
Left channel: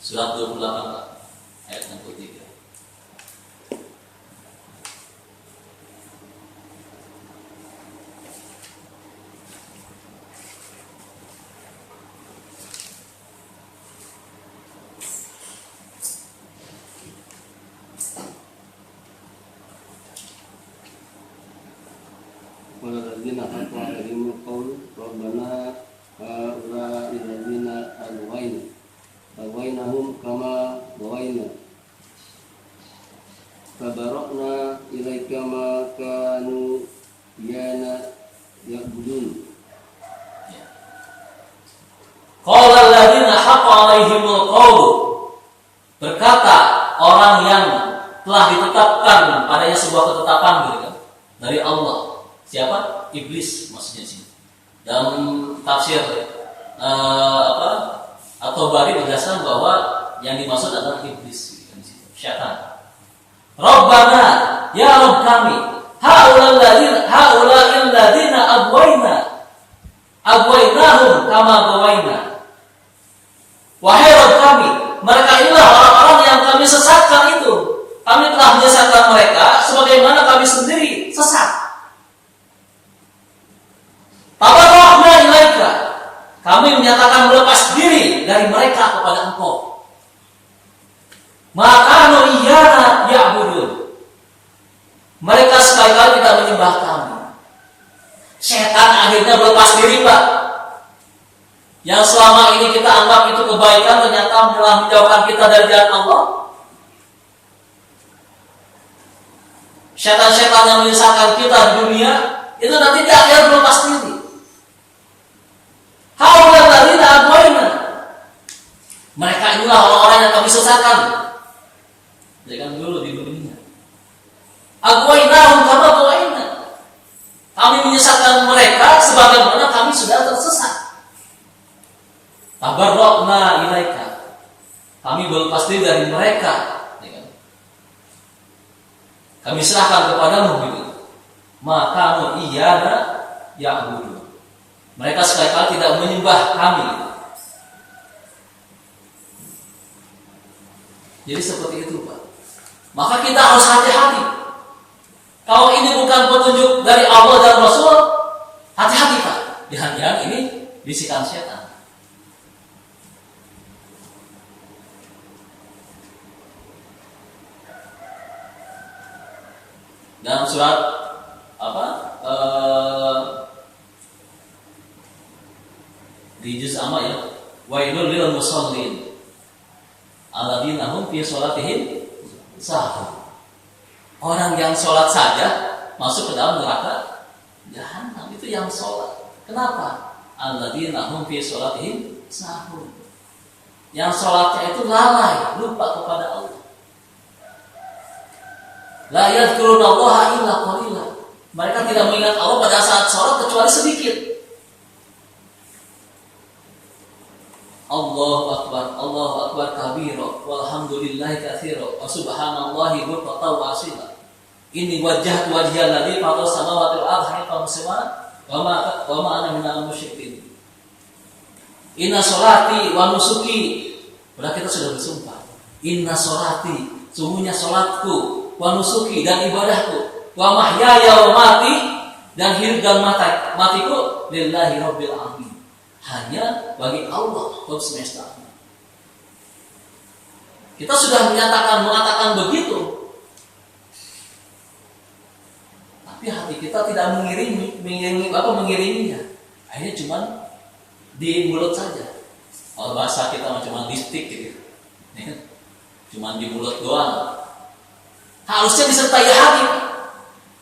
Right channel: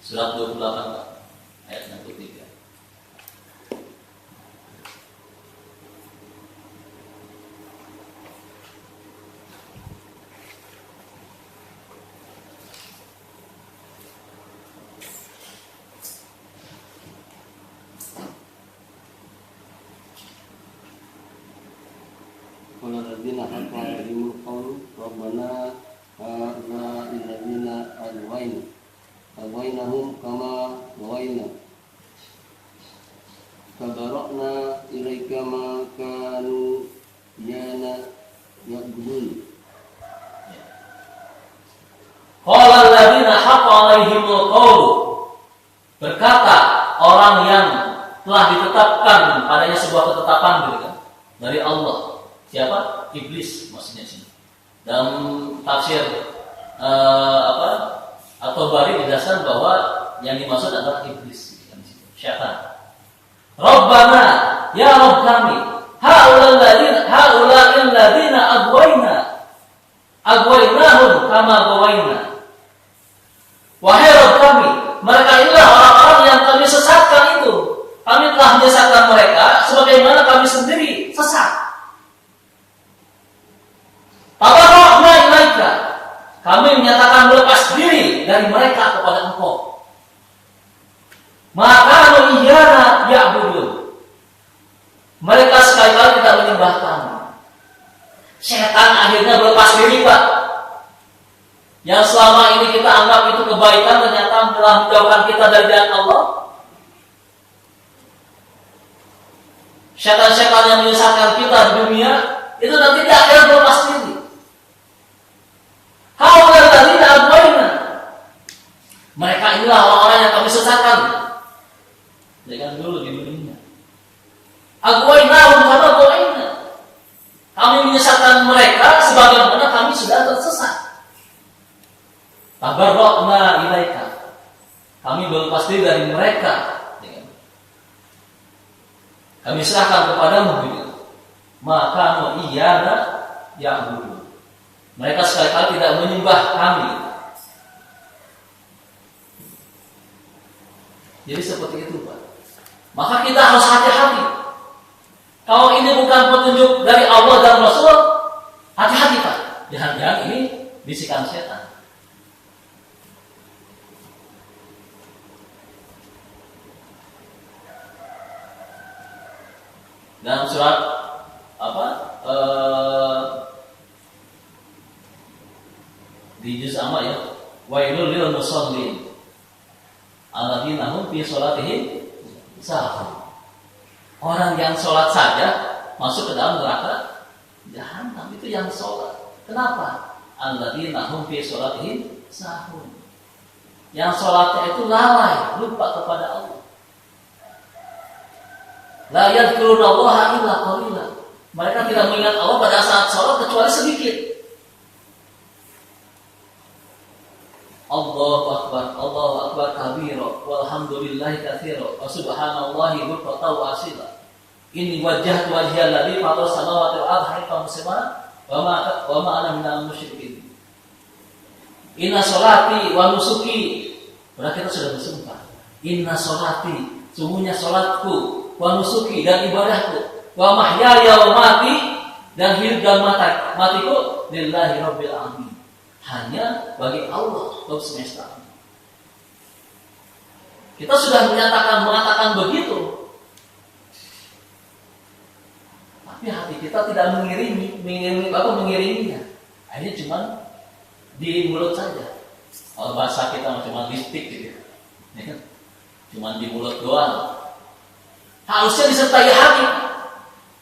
Surat 28 ayat 63. Waladina haqqo alaihimul qawl rabbana haula alladzina alwainahum kama waina fabara'na ilaika ma kanu ya'budun. Qala alladzina haqqo alaihimul qawl, berkata orang yang telah ditetapkan padanya sebuah ketetapan gitu kan dari Allah. Siapa? Iblis maksudnya sini. Dalam tafsir atau bari menjelaskan bahwa yang dimaksud adalah iblis, syaitan. Rabbana, ya Rabb kami, haula'il ladzina agwainahum kama gawaina. Wahai Rabb kami, mereka inilah orang-orang yang kami sesatkan itu. Kami telah menyesatkan mereka sebagaimana kami sendiri sesat. Tabarra'na ilaika, kami menyatakan melepas diri dari mereka kepada Engkau. Maka iyana ya'budun, mereka sekali-kali tidak menyembah kami. Setan akhirnya berlepas diri, Pak. Yang selama ini kita anggap itu kebaikan ternyata telah menjauhkan kita dari jalan Allah. Setan-setan yang menyesatkan kita di dunia itu nanti di akhirat berlepas diri. Haulal ladzina agwayna, mereka inilah orang-orang yang kami sesatkan. Jangan dulu di dunia. Agwainahum kama gawaina, kami menyesatkan mereka sebagaimana kami sudah tersesat. Tabarra'na ilaika, kami berlepas diri dari mereka. Kami serahkan kepadamu begitu. Maka iyana ya'budu, mereka sekali-kali tidak menyembah kami. Jadi seperti itu, Pak. Maka kita harus hati-hati. Kalau ini bukan petunjuk dari Allah dan Rasul, hati-hati, Pak. Jangan-jangan ini bisikan setan. Dalam surat di juz amma ya, wailul lil musallin alladzina hum fi sholatihim sahun. Orang yang sholat saja masuk ke dalam neraka jahanam, itu yang sholat. Kenapa? Alladzina hum fi sholatihim sahun. Yang sholatnya itu lalai, lupa kepada Allah. La yadhkurunallaha illa qalila, mereka tidak mengingat Allah pada saat sholat kecuali sedikit. Allahu akbar kabira, walhamdulillahi katsira, wa subhanallahi bukratan wa asila. Inni wajjahtu wajhiya alladzi fatara samawati wal ardi hanifan musliman wa ma ana minal musyrikin. Inna sholati wa nusuki, berarti kita sudah bersumpah. Inna sholati, sungguhnya sholatku, wa nusuki, dan ibadahku, wa mahyaya wa mati, dan hidup dan matiku lillahi rabbil alamin, hanya bagi Allah Rabb semesta. Kita sudah mengatakan begitu, tapi hati kita tidak mengiriminya. Akhirnya cuma di mulut saja. Kalau bahasa kita cuma lipstik gitu, cuma di mulut doang. Harusnya disertai hati,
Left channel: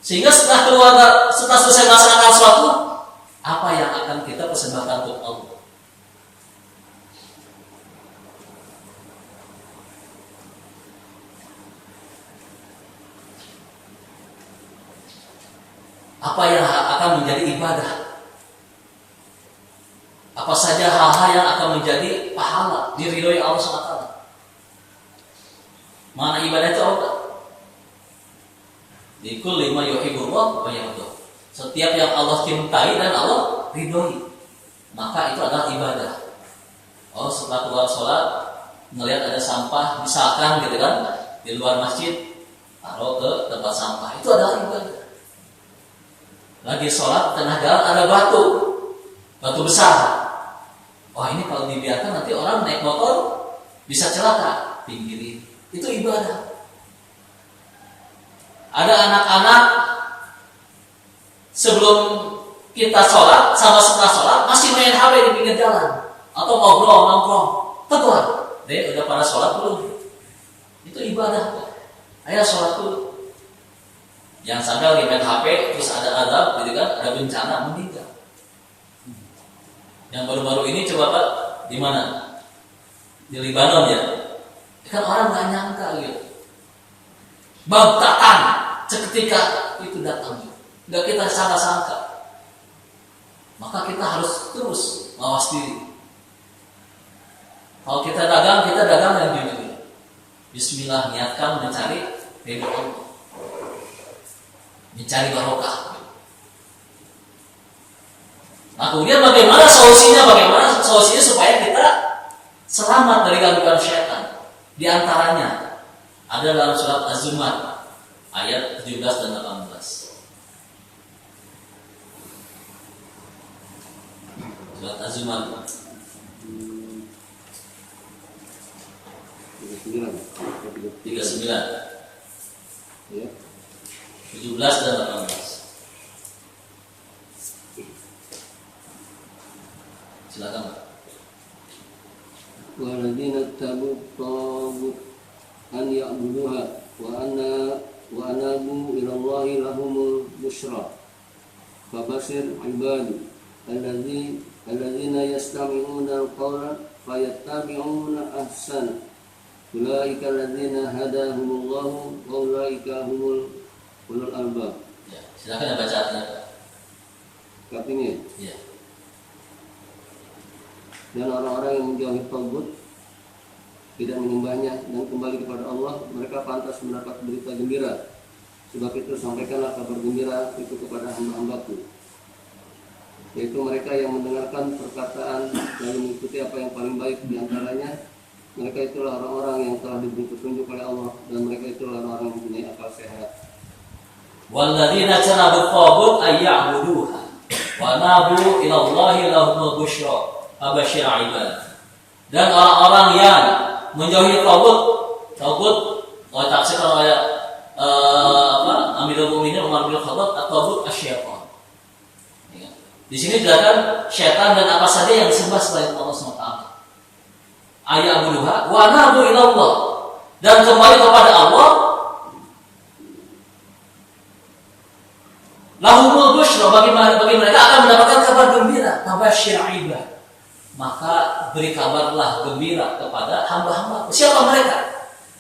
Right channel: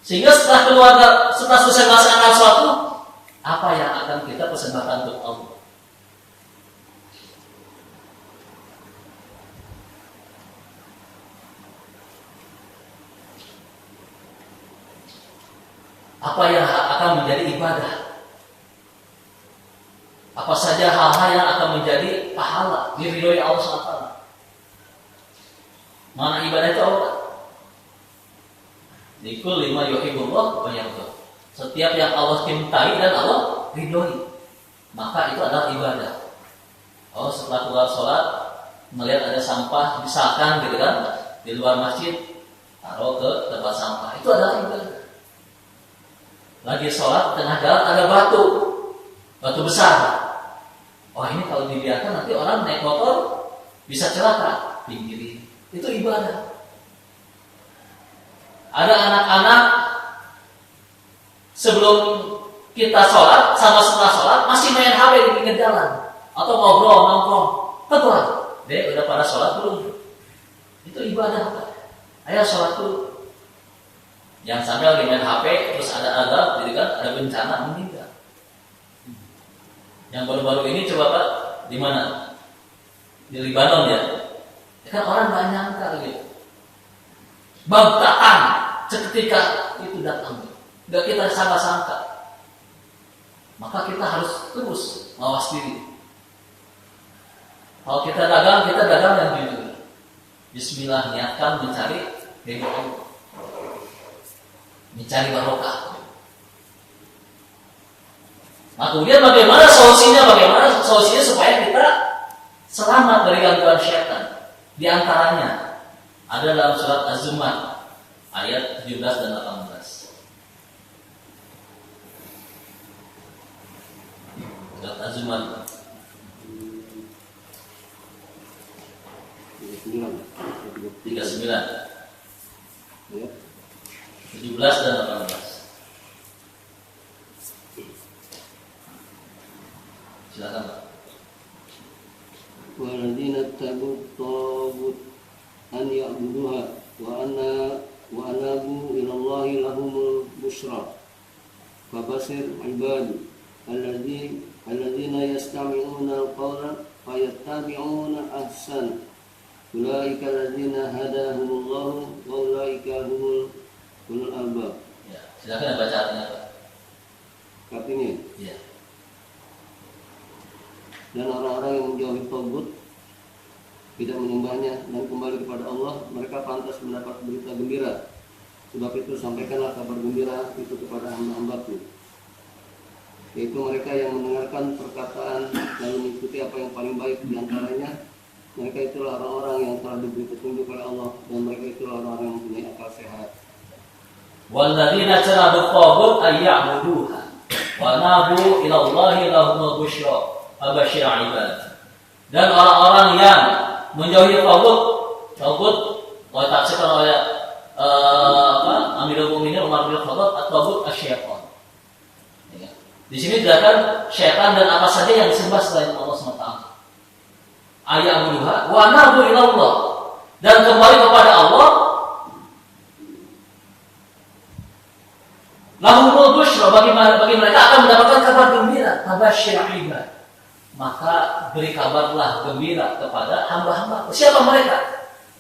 sehingga setelah selesai melaksanakan sesuatu, apa yang akan kita persembahkan untuk Allah. Apa yang akan menjadi ibadah? Apa saja hal-hal yang akan menjadi pahala, diridhoi Allah SWT. Mana ibadah itu Allah? Likul lima yuhibbullah wa yardah. Setiap yang Allah cintai dan Allah ridhoi, maka itu adalah ibadah. Oh, setelah keluar sholat melihat ada sampah misalkan gitu kan di luar masjid, taruh ke tempat sampah, itu adalah ibadah. Lagi sholat tengah jalan ada batu besar. Oh, ini kalau dibiarkan nanti orang naik motor bisa celaka, pinggirin. Itu ibadah. Ada anak-anak sebelum kita sholat sama setelah sholat masih main HP di pinggir jalan atau ngobrol nongkrong. Teguran, deh udah pada sholat belum? Itu ibadah. Ayo sholat dulu. Yang sambil lagi main HP terus ada azab, gitu kan? Ada bencana meninggal. Yang baru-baru ini coba Pak di mana? Di Libanon ya. Kan orang nggak nyangka gitu. Bangkatan seketika itu datang, nggak kita sangka-sangka. maka kita harus terus mawas diri. Kalau kita dagang yang jujur. Bismillah, niatkan mencari ridho Allah, mencari barokah. Nah, kemudian bagaimana solusinya supaya kita selamat dari gangguan syaitan? Di antaranya ada dalam surat Az-Zumar ayat 17 dan 18. Surat Az-Zumar 39, Ya. 17 dan 18. Silakan, Pak. Waladina tabu tagut an ya'buduha wa anabu ilallahi lahumul busra fabasir ibadi alladzina yastami'una al-qawla fayattabi'una ahsan ulaika alladzina hadahumullahu wa ulaika humul ulul albab. Ya, silakan baca artinya, Pak. Artinya, Ya. dan orang-orang yang menjauhi tagut, tidak menyembahnya dan kembali kepada Allah, mereka pantas mendapat berita gembira. Sebab itu sampaikanlah kabar gembira itu kepada hamba-hambaku, yaitu mereka yang mendengarkan perkataan dan mengikuti apa yang paling baik di antaranya. Mereka itulah orang-orang yang telah diberi petunjuk oleh Allah, dan mereka itulah orang-orang yang mempunyai akal sehat. Walladzina janabu tagut ayya'buduha wa nabu ila Allahi lahumul busyra abasyir ibad. Dan orang-orang yang menjauhi tagut oleh tafsirkan oleh Amirul Mukminin Umar bin Khattab, at-tagut asyaitan. Ya. Di sini dikatakan syaitan dan apa saja yang disembah selain Allah SWT. Ayya'buduha wa nabu ila Allah, dan kembali kepada Allah. Lahumul busyra, bagi mereka akan mendapatkan kabar gembira, abasyir ibad. Maka beri kabarlah gembira kepada hamba-hamba. Siapa mereka?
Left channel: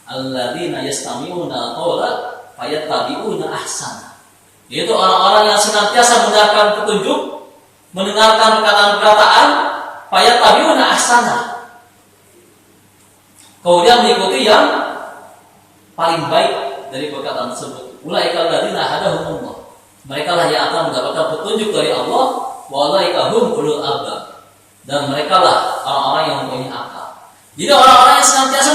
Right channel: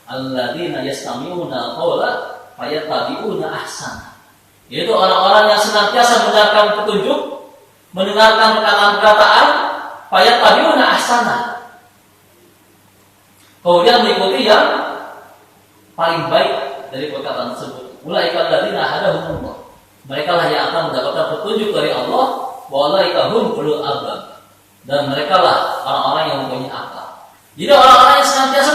Alladzina yastami'una qawla fayattabi'una ahsana. Yaitu orang-orang yang senantiasa mendengarkan petunjuk, mendengarkan perkataan-perkataan, fayattabi'una ahsana. Kemudian mengikuti yang paling baik dari perkataan tersebut. Ulaika alladzina hadahumullah. Mereka lah yang akan mendapatkan petunjuk dari Allah. Wa ulaika hum ulul albab. Dan mereka lah orang-orang yang mempunyai akal. Jadi orang-orang yang senantiasa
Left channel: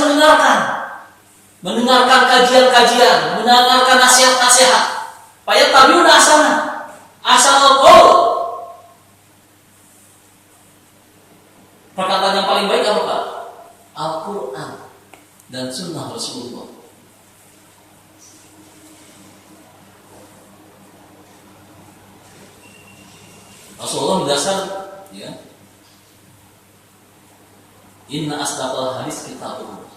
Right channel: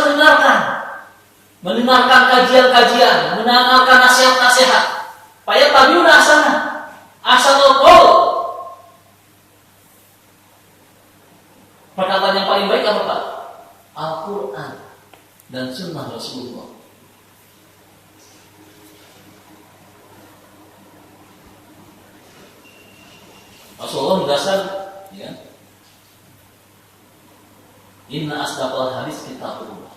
mendengarkan kajian-kajian, mendengarkan nasihat-nasihat. Payat tabi'una ahsana. Ahsanul qaul. Perkataan yang paling baik apa, Pak? Al-Quran dan Sunnah Rasulullah. Rasulullah menjelaskan, ya, inna asdaqal hadis kitabullah.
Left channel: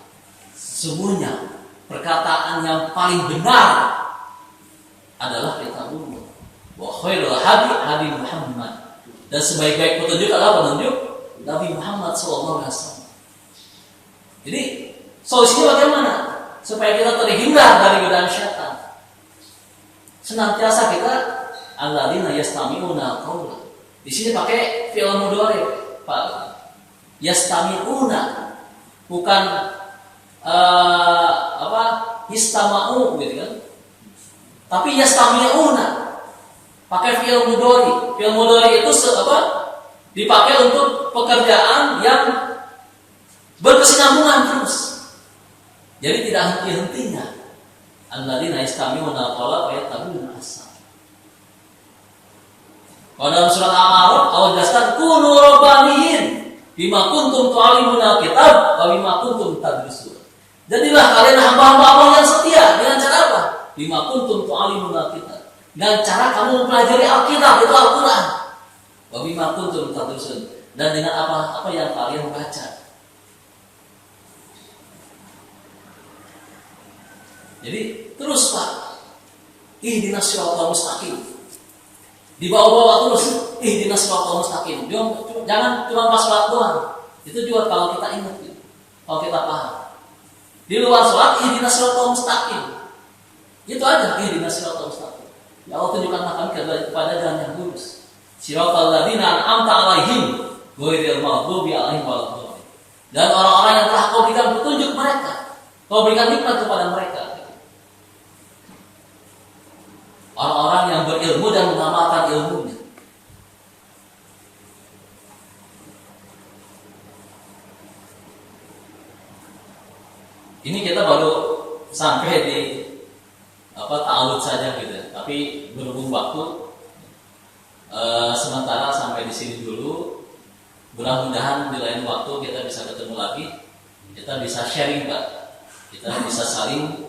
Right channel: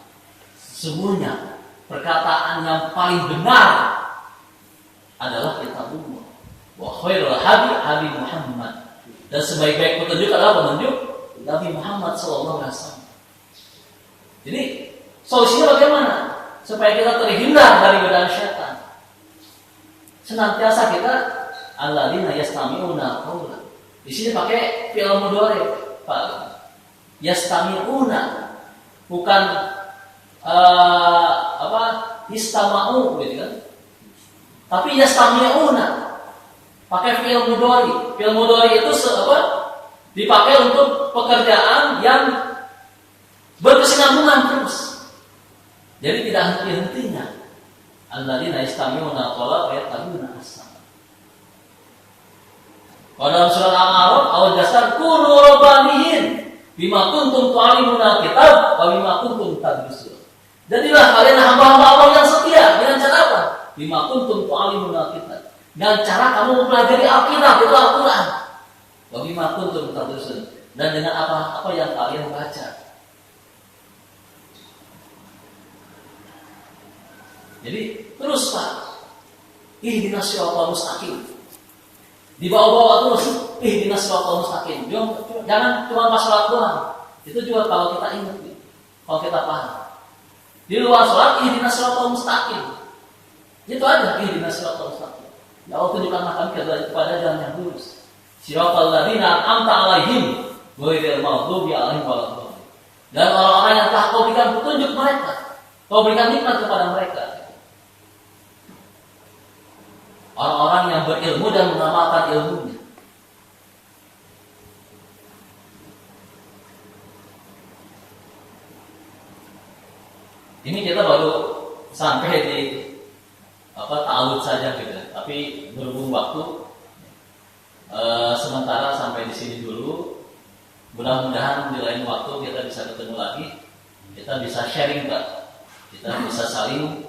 Sesungguhnya perkataan yang paling benar adalah kitabullah. Wa khairul hadi Muhammad. Dan sebaik-baik petunjuk adalah petunjuk Nabi Muhammad SAW. Jadi solusinya bagaimana? Supaya kita terhindar dari godaan syaitan. Senantiasa kita alladzina yastami'una qawla. Di sini pakai fi'il mudhari, Pak. Yastami'una, bukan istama'u gitu kan. Tapi yastami'una pakai fi'il mudhari. Fi'il mudhari itu dipakai untuk pekerjaan yang berkesinambungan terus. Jadi tidak henti-hentinya. Alladzina yastami'una qawla wa yattabi'una ahsana. Kalau dalam surat Al-A'raf Allah jelaskan kunu rabbaniyin bima kuntum tu'allimuna kitab wa bima kuntum tadrusun. Jadilah kalian hamba-hamba Allah yang setia. Dengan cara apa? Bima kuntum tu'allimuna kitab. Dengan cara kamu mempelajari Alkitab, itu Al-Quran. Wa bima kuntum tadrusun. Dan dengan apa yang kalian baca. Jadi terus, Pak, ihdinas siratal mustaqim. Dibawa-bawa terus, ihdinas siratal mustaqim. Jangan cuma pas sholat doang. Itu juga kalau kita ingat, kalau kita paham. Di luar sholat, ihdinas siratal mustaqim. Itu aja, ihdinas siratal mustaqim. Ya Allah, tunjukkanlah kami kepada jalan yang lurus. Siratal ladzina an'amta 'alaihim ghairil maghdubi 'alaihim waladdallin. Dan orang-orang yang telah kau berikan petunjuk mereka, kau berikan nikmat kepada mereka. Orang-orang yang berilmu dan mengamalkan ilmunya. Ini kita baru sampai di ta'awud saja gitu. Tapi berhubung waktu, sementara sampai di sini dulu. Mudah-mudahan di lain waktu kita bisa ketemu lagi, kita bisa sharing Pak, kita bisa saling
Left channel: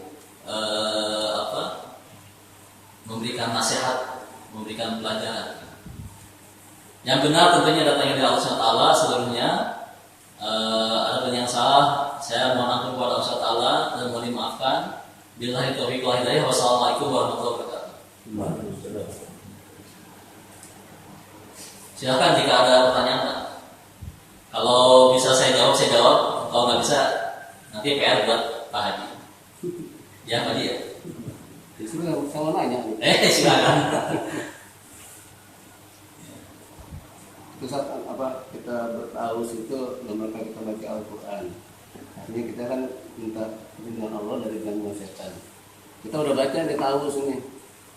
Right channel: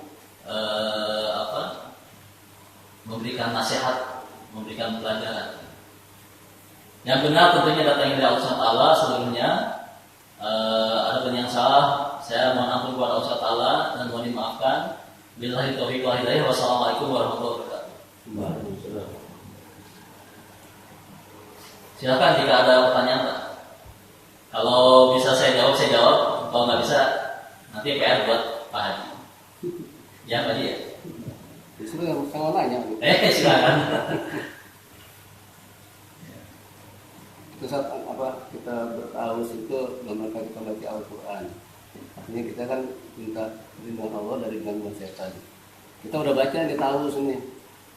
memberikan nasihat, memberikan pelajaran. Yang benar tentunya datangnya dari Allah SWT. Sebelumnya ada yang salah, saya mohon ampun kepada Allah SWT dan mohon dimaafkan. Billahi taufiq wal hidayah. Wassalamualaikum warahmatullahi wabarakatuh. Silakan jika ada pertanyaan Pak. Kalau bisa saya jawab. Kalau nggak bisa, nanti PR buat Pak Haji. Ya Pak Haji ya. Justru yang saya nanya. Silakan. Terus kita bertaus itu dalam rangka kita baca Al-Quran. Artinya kita kan minta perlindungan Allah dari gangguan setan. Kita udah baca nih tahu ini,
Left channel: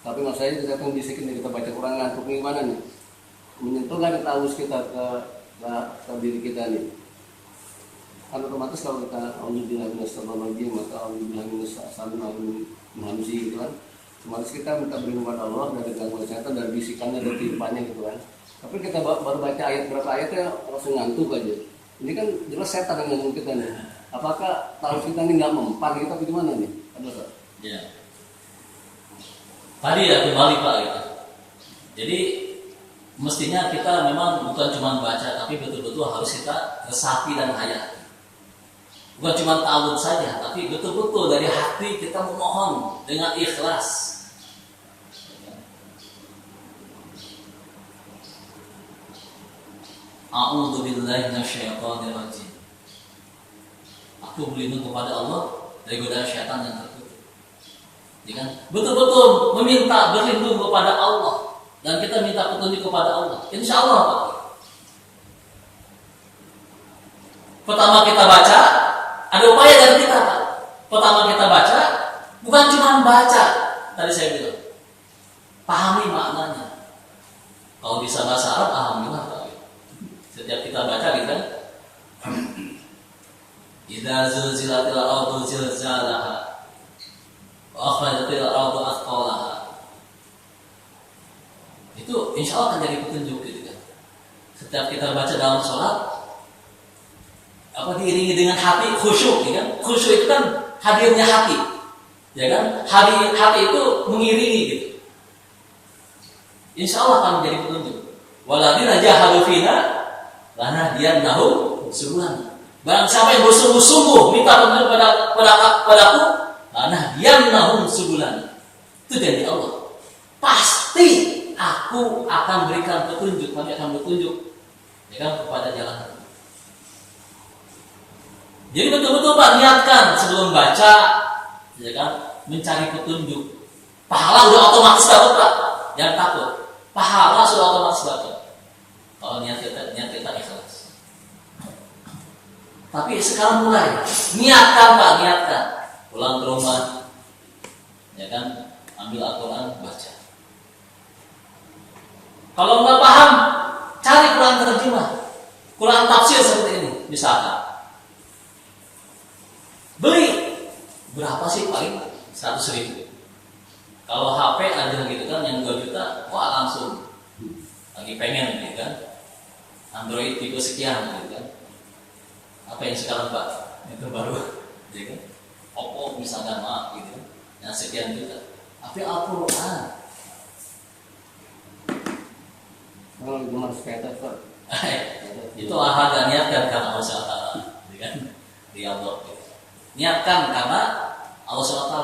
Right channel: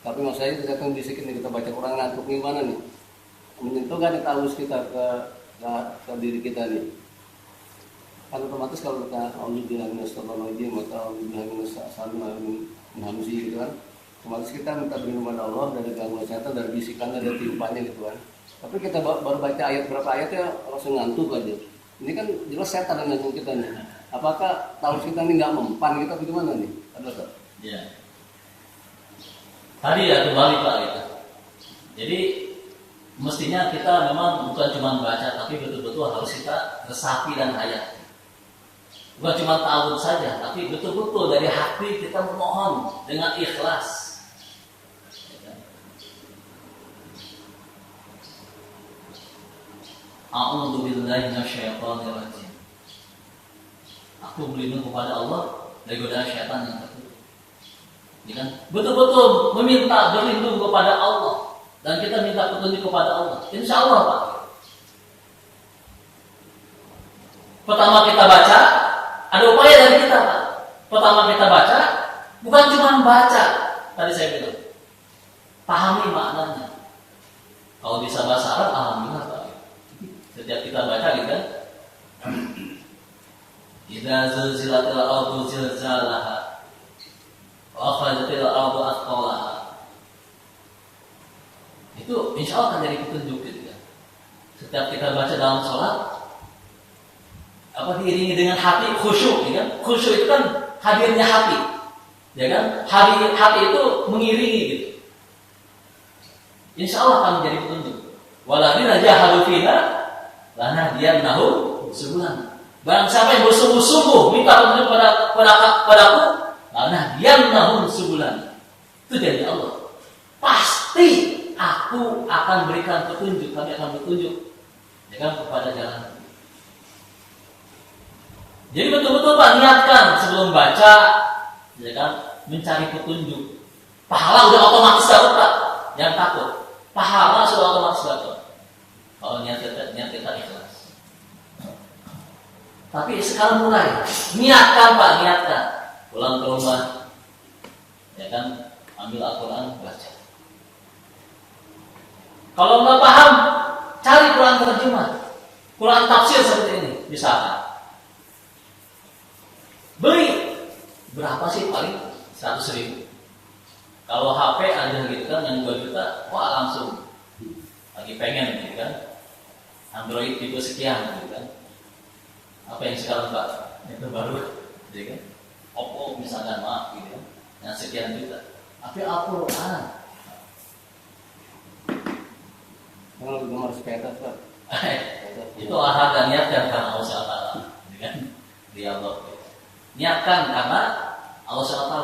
tapi masalahnya kita kan bisikin nih, kita baca Quran ngantuk gimana nih? Menyentuh nggak tahu kita ke diri kita nih? Kan otomatis kalau kita auzubillahi minasyaitonir maka auzubillahi minasyaitonir gitu kan. Otomatis kita minta perlindungan Allah dari gangguan setan, dari bisikan, dari timpaannya gitu kan. Tapi kita baru baca ayat berapa ayatnya langsung ngantuk aja. Ini kan jelas setan yang ngantuk kita nih. Apakah tahu kita ini nggak mempan kita, bagaimana nih? Ada tak? Ya. Tadi ya kembali Pak gitu. Jadi mestinya kita memang bukan cuma baca, tapi betul-betul harus kita resapi dan hayati. Bukan cuma ta'awud saja, tapi betul-betul dari hati kita memohon dengan ikhlas. A'udzu billahi minasyaitonir rajim. Aku berlindung kepada Allah dari godaan syaitan yang terkutuk. Ya kan? Betul-betul meminta berlindung kepada Allah dan kita minta petunjuk kepada Allah. Insya Allah Pak. Pertama kita baca, ada upaya dari kita Pak. Pertama kita baca, bukan cuma membaca. Tadi saya bilang, pahami maknanya. Kalau bisa bahasa Arab, alhamdulillah Pak. Setiap kita baca gitu kan, idza zulzilatil ardu zilzalaha wa akhrajatil ardu athqalaha. Itu insya Allah akan jadi petunjuk gitu kan. Setiap kita baca dalam sholat, diiringi dengan hati khusyuk, ya kan? Khusyuk itu kan hadirnya hati, ya kan? Hati itu mengiringi gitu. Insya Allah akan menjadi petunjuk. Waladina jahadu fina lanahdiyannahum subulana. Barang siapa yang bersungguh-sungguh minta petunjuk padaku, lanahdiyannahum subulana. Itu janji Allah. Pasti aku akan berikan petunjuk, kami akan bertunjuk, ya kan, kepada jalan. Jadi betul-betul Pak, niatkan sebelum baca, ya kan, mencari petunjuk. Pahala udah otomatis dapat Pak, jangan takut. Pahala sudah otomatis dapat. Kalau niat kita ikhlas. Tapi sekarang mulai niatkan Pak, niatkan. Pulang ke rumah, ya kan, ambil Al-Quran, baca. Kalau nggak paham, cari Quran terjemah, Quran tafsir seperti ini, misalkan. Beli berapa sih paling? 100.000. Kalau HP ada gitu kan yang 2 juta, wah langsung lagi pengen gitu kan. Android tipe sekian gitu kan. Apa yang sekarang Pak? Itu baru, gitu kan. Oppo misalkan maaf gitu, yang sekian juta. Tapi Al-Quran. Kalau gemar sepeda Pak. Itu olahraga, niatkan karena Allah SWT, gitu kan. Dia Allah. Niatkan karena Allah SWT,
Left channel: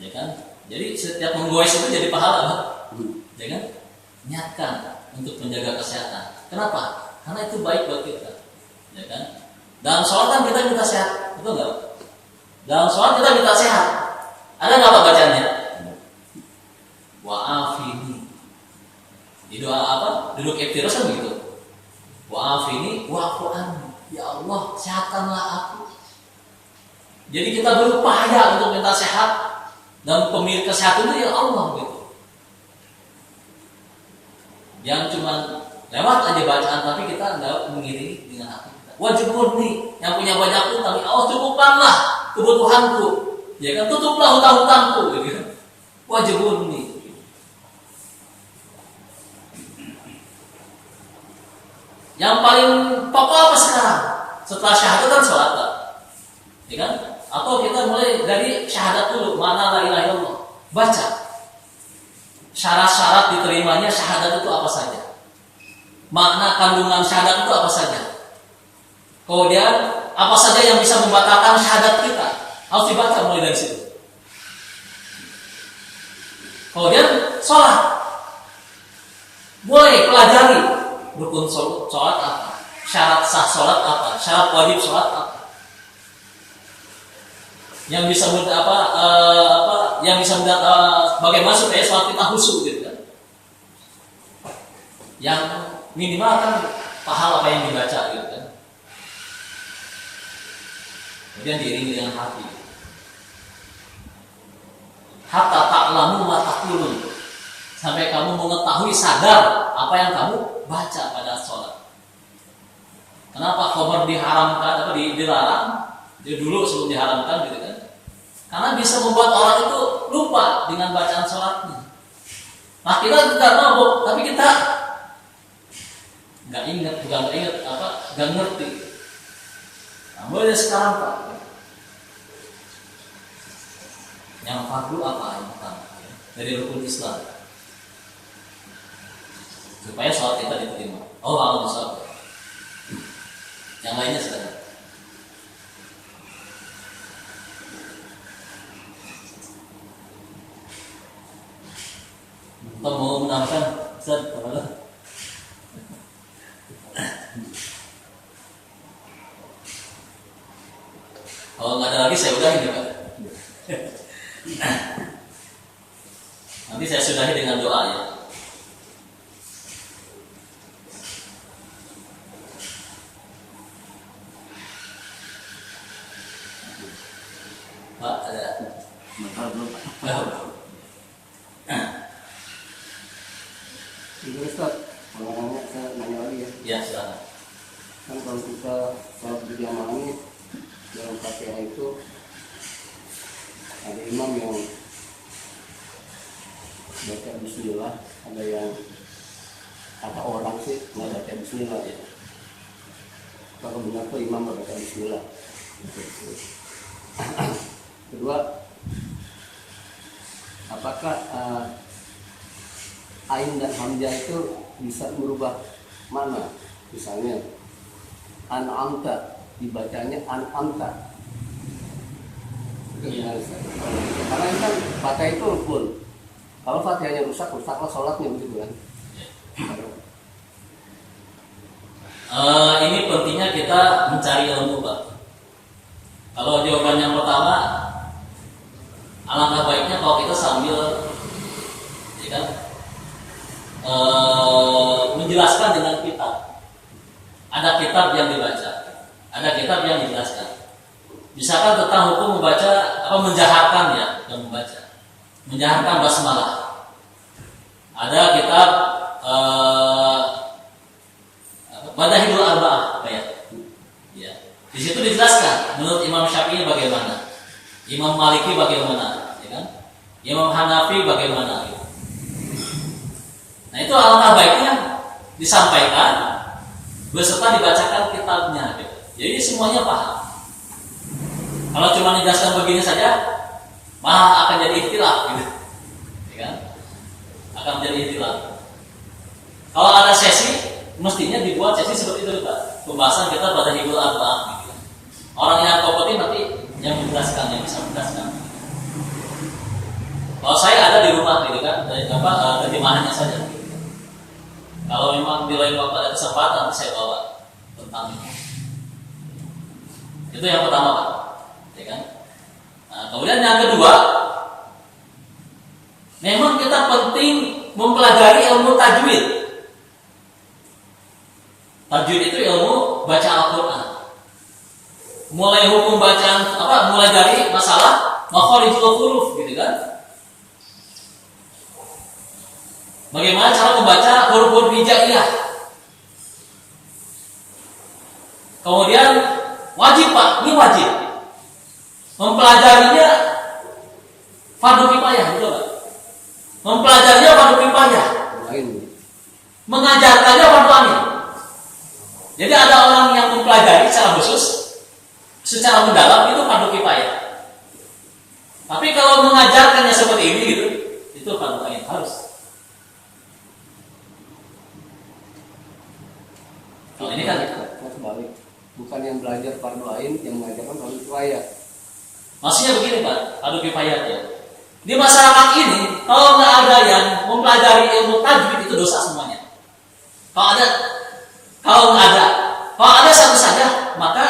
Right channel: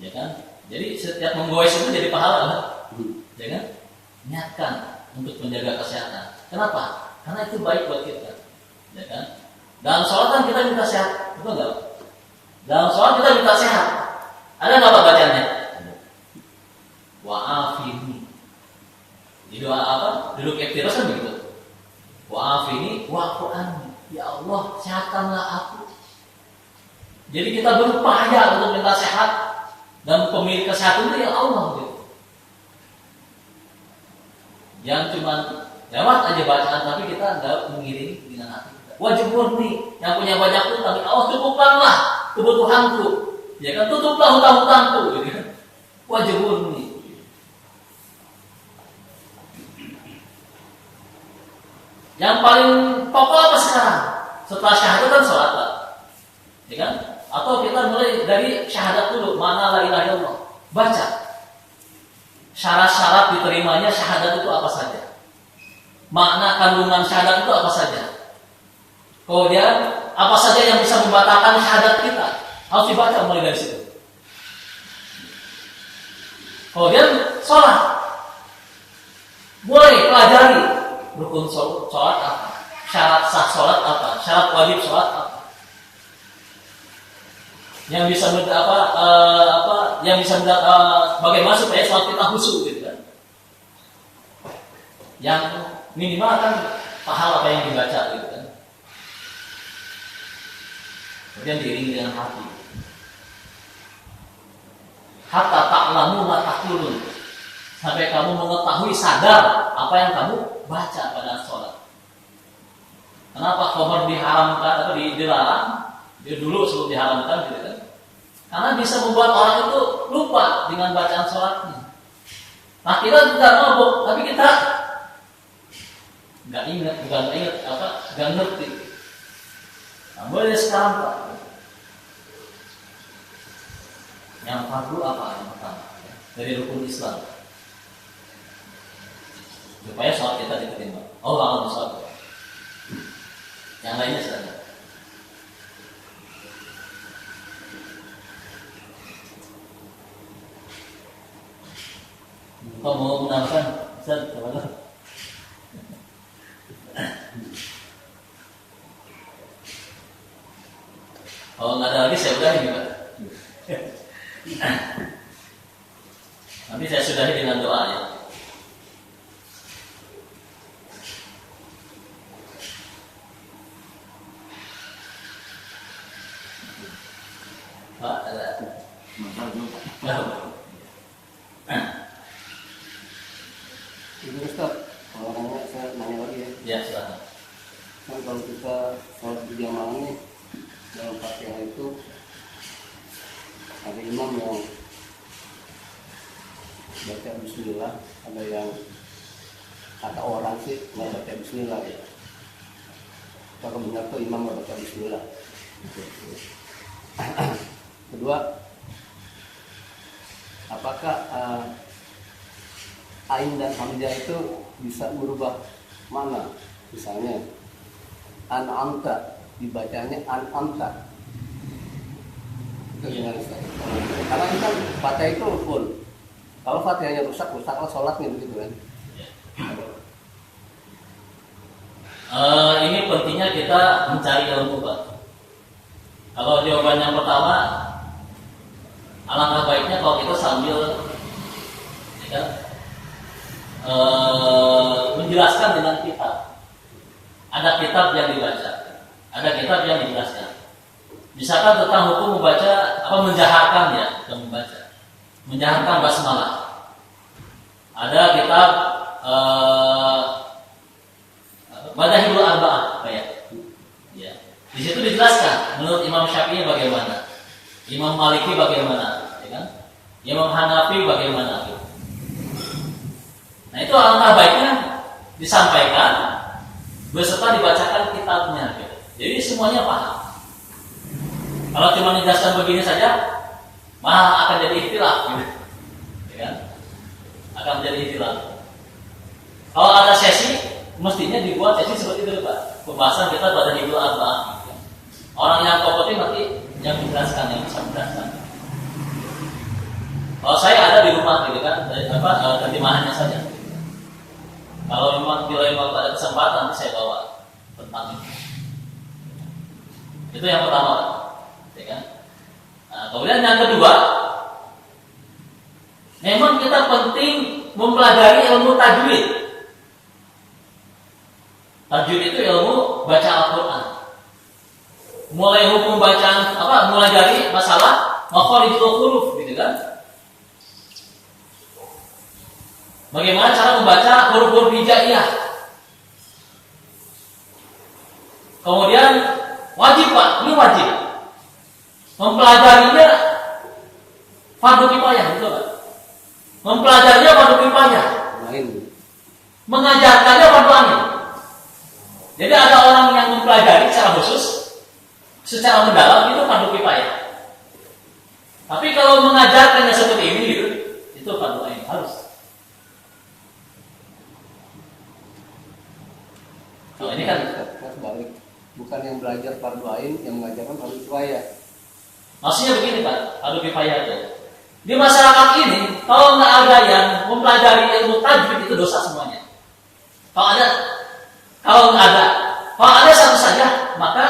ya kan. Jadi setiap menggoes itu jadi pahala Pak. Ya kan? Niatkan untuk menjaga kesehatan. Kenapa? Karena itu baik buat kita, ya kan? Dalam sholat kan kita minta sehat, betul nggak? Dalam sholat kita minta sehat. Ada nggak Pak bacanya? Wa'afini. Di doa apa? duduk iftiras kan begitu. Wa'afini wa'fu anni. Ya Allah, sehatkanlah aku. Jadi kita berupaya untuk minta sehat, dan pemilik kesehatan itu ya Allah gitu. Yang cuma lewat aja bacaan, tapi kita nggak mengiringi dengan hati kita. Wajib murni, yang punya banyak utang, ya Allah cukupkanlah kebutuhanku. Ya kan, tutuplah hutang-hutangku. Gitu. Wajib murni. Yang paling pokok apa sekarang? Setelah syahadat kan sholat, Pak. Ya kan? Atau kita mulai dari syahadat dulu, mana la ilaha illallah. Baca. Syarat-syarat diterimanya syahadat itu apa saja? Makna kandungan syahadat itu apa saja? Kemudian apa saja yang bisa membatalkan syahadat kita? Harus dibaca mulai dari situ. Kemudian sholat. Mulai pelajari rukun sholat apa? Syarat sah sholat apa? Syarat wajib sholat apa? Yang bisa bagaimana supaya sholat kita khusyuk gitu kan? Yang minimal kan paham apa yang dibaca gitu kan? Kemudian diiringi dengan hati. Hatta ta'lamu ma taqulun. Sampai kamu mengetahui sadar apa yang kamu baca pada sholat. Kenapa khabar diharamkan atau dilarang? Dia dulu sebelum diharamkan gitu kan? Karena bisa membuat orang itu lupa dengan bacaan sholatnya. Nah kita tidak mabuk, tapi kita nggak ngerti. Nah, mulai sekarang Pak, yang fardu apa yang pertama dari rukun Islam supaya sholat kita diterima. Oh, akan sholat. Yang lainnya saja. Kau mau menambahkan, Ustaz, kepada? Kalau nggak ada lagi saya udahin Pak. Nanti saya sudahi dengan doa ya. Pak, ada? Belum. Ini Ustaz, kalau saya nanya lagi ya. Ya, silakan. Kan kalau kita sholat berjamaah ini dalam Fatihah itu ada imam yang baca bismillah, ada yang kata orang sih nggak baca bismillah ya. Kalau benar tuh imam nggak baca bismillah. Kedua, apakah ain dan hamzah itu bisa berubah mana? Misalnya an'amta dibacanya an'amta. Iya. Karena kan Fatihah itu rukun. Kalau Fatihahnya rusak, rusaklah sholatnya begitu kan. Ini pentingnya kita mencari ilmu Pak. Kalau jawaban yang pertama, alangkah baiknya kalau kita sambil ya kan, menjelaskan dengan kitab. Ada kitab yang dibaca, ada kitab yang dijelaskan. Misalkan tentang hukum membaca menjaharkan ya, dan membaca, menjaharkan basmalah. Ada kitab Madahibul Arba'ah kayak. Ya. Di situ dijelaskan menurut Imam Syafi'i bagaimana, Imam Maliki bagaimana, ya kan? Imam Hanafi bagaimana gitu. Nah, itu alangkah baiknya disampaikan beserta dibacakan kitabnya gitu. Jadi semuanya paham. Kalau cuma dijelaskan begini saja, malah akan jadi ikhtilaf gitu. Ya kan? Akan menjadi ikhtilaf. Kalau ada sesi, mestinya dibuat sesi seperti itu Pak. Pembahasan kita pada Hibul Arba'ah gitu. Orang yang kompeten nanti yang menjelaskan, yang bisa menjelaskan. Kalau saya ada di rumah gitu kan, terjemahannya saja gitu. Kalau memang di lain waktu ada kesempatan nanti saya bawa tentang ini. Itu yang pertama Pak. Ya kan? Nah, kemudian yang kedua, memang kita penting mempelajari ilmu tajwid. Tajwid itu ilmu baca Al-Quran. Mulai hukum bacaan mulai dari masalah makharijul huruf gitu kan. Bagaimana cara membaca huruf-huruf hijaiyah. Kemudian wajib Pak, ini wajib. Mempelajarinya fardu kifayah, betul Pak? Mempelajarinya fardu kifayah. Mengajarkannya fardu ain. Jadi ada orang yang mempelajari secara khusus, secara mendalam itu fardu kifayah. Tapi kalau mengajarkannya seperti ini gitu, itu fardu ain harus. Kalau ini kan balik, bukan yang belajar fardu ain yang mengajarkan fardu kifayah. Maksudnya begini Pak, fardu kifayah itu. Di masyarakat ini kalau nggak ada yang mempelajari ilmu tajwid itu dosa semuanya. Kalau ada satu saja, maka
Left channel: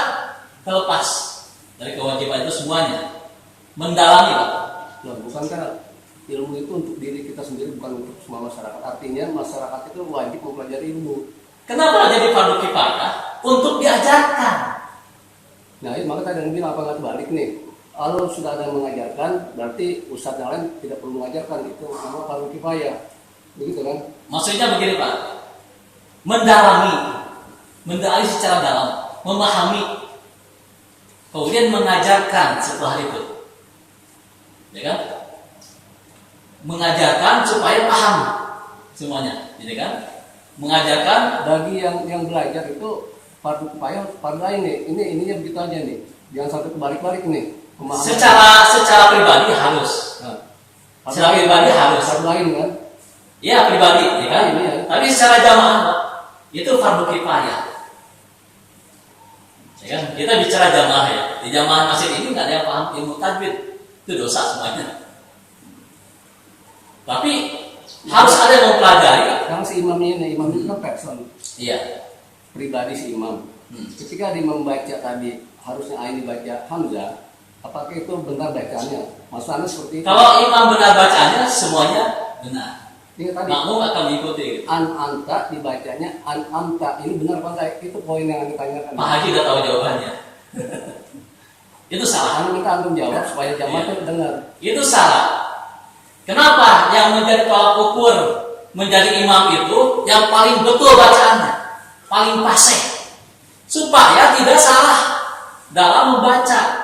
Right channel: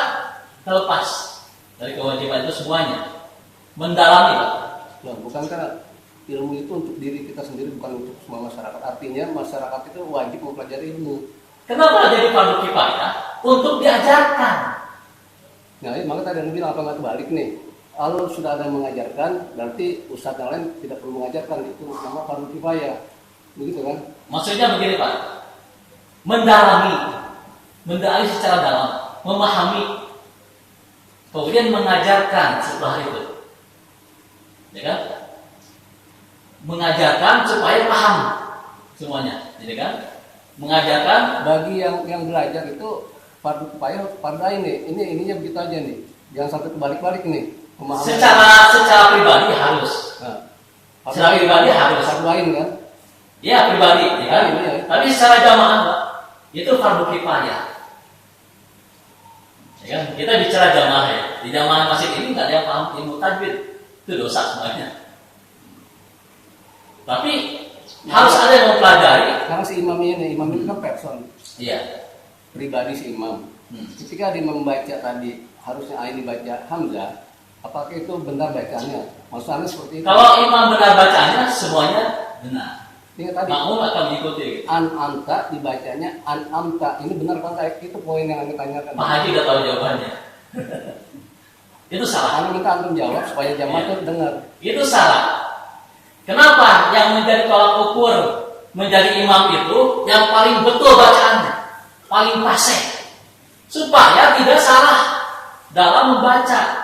terlepas dari kewajiban itu semuanya. Mendalami Pak. Nah, bukan karena ilmu itu untuk diri kita sendiri, bukan untuk semua masyarakat. Artinya masyarakat itu wajib mempelajari ilmu. Kenapa jadi fardu kifayah? Untuk diajarkan. Nah, maka tadi yang bilang apa nggak terbalik nih? Kalau sudah ada yang mengajarkan, berarti ustadz yang lain tidak perlu mengajarkan, itu nama fardu kifayah, begitu kan? Maksudnya begini Pak, mendalami secara dalam, memahami, kemudian mengajarkan setelah itu, ya kan? Mengajarkan supaya paham semuanya, jadi kan? Mengajarkan bagi yang belajar itu fardu kifayah, fardu ain nih. Ininya begitu aja nih, jangan sampai kebalik-balik nih. Secara pribadi harus. Secara pribadi harus. Fardu ain kan? Ya pribadi, ya kan? Iya. Tapi secara jamaah, Pak, itu fardu kifayah. Ya kan? Kita bicara jamaah ya. Di jamaah masjid ini nggak ada yang paham ilmu tajwid, itu dosa semuanya. Tapi harus ada yang mempelajari. Karena si imamnya ini, imam itu kan person. Iya. Pribadi si imam. Ketika dia membaca tadi harusnya ain dibaca hamzah, apakah itu benar bacanya? Maksudnya seperti itu. Kalau imam benar bacanya semuanya benar. Ini tadi makmum akan mengikuti. An anta dibacanya an amta. Ini benar apa enggak? Itu poin yang ditanyakan. Pak Haji udah tahu jawabannya. Itu salah. Karena minta antum jawab supaya jamaah itu dengar. Itu salah. Kenapa yang menjadi tolak ukur menjadi imam itu yang paling betul bacaannya, paling fasih, supaya tidak salah dalam membaca.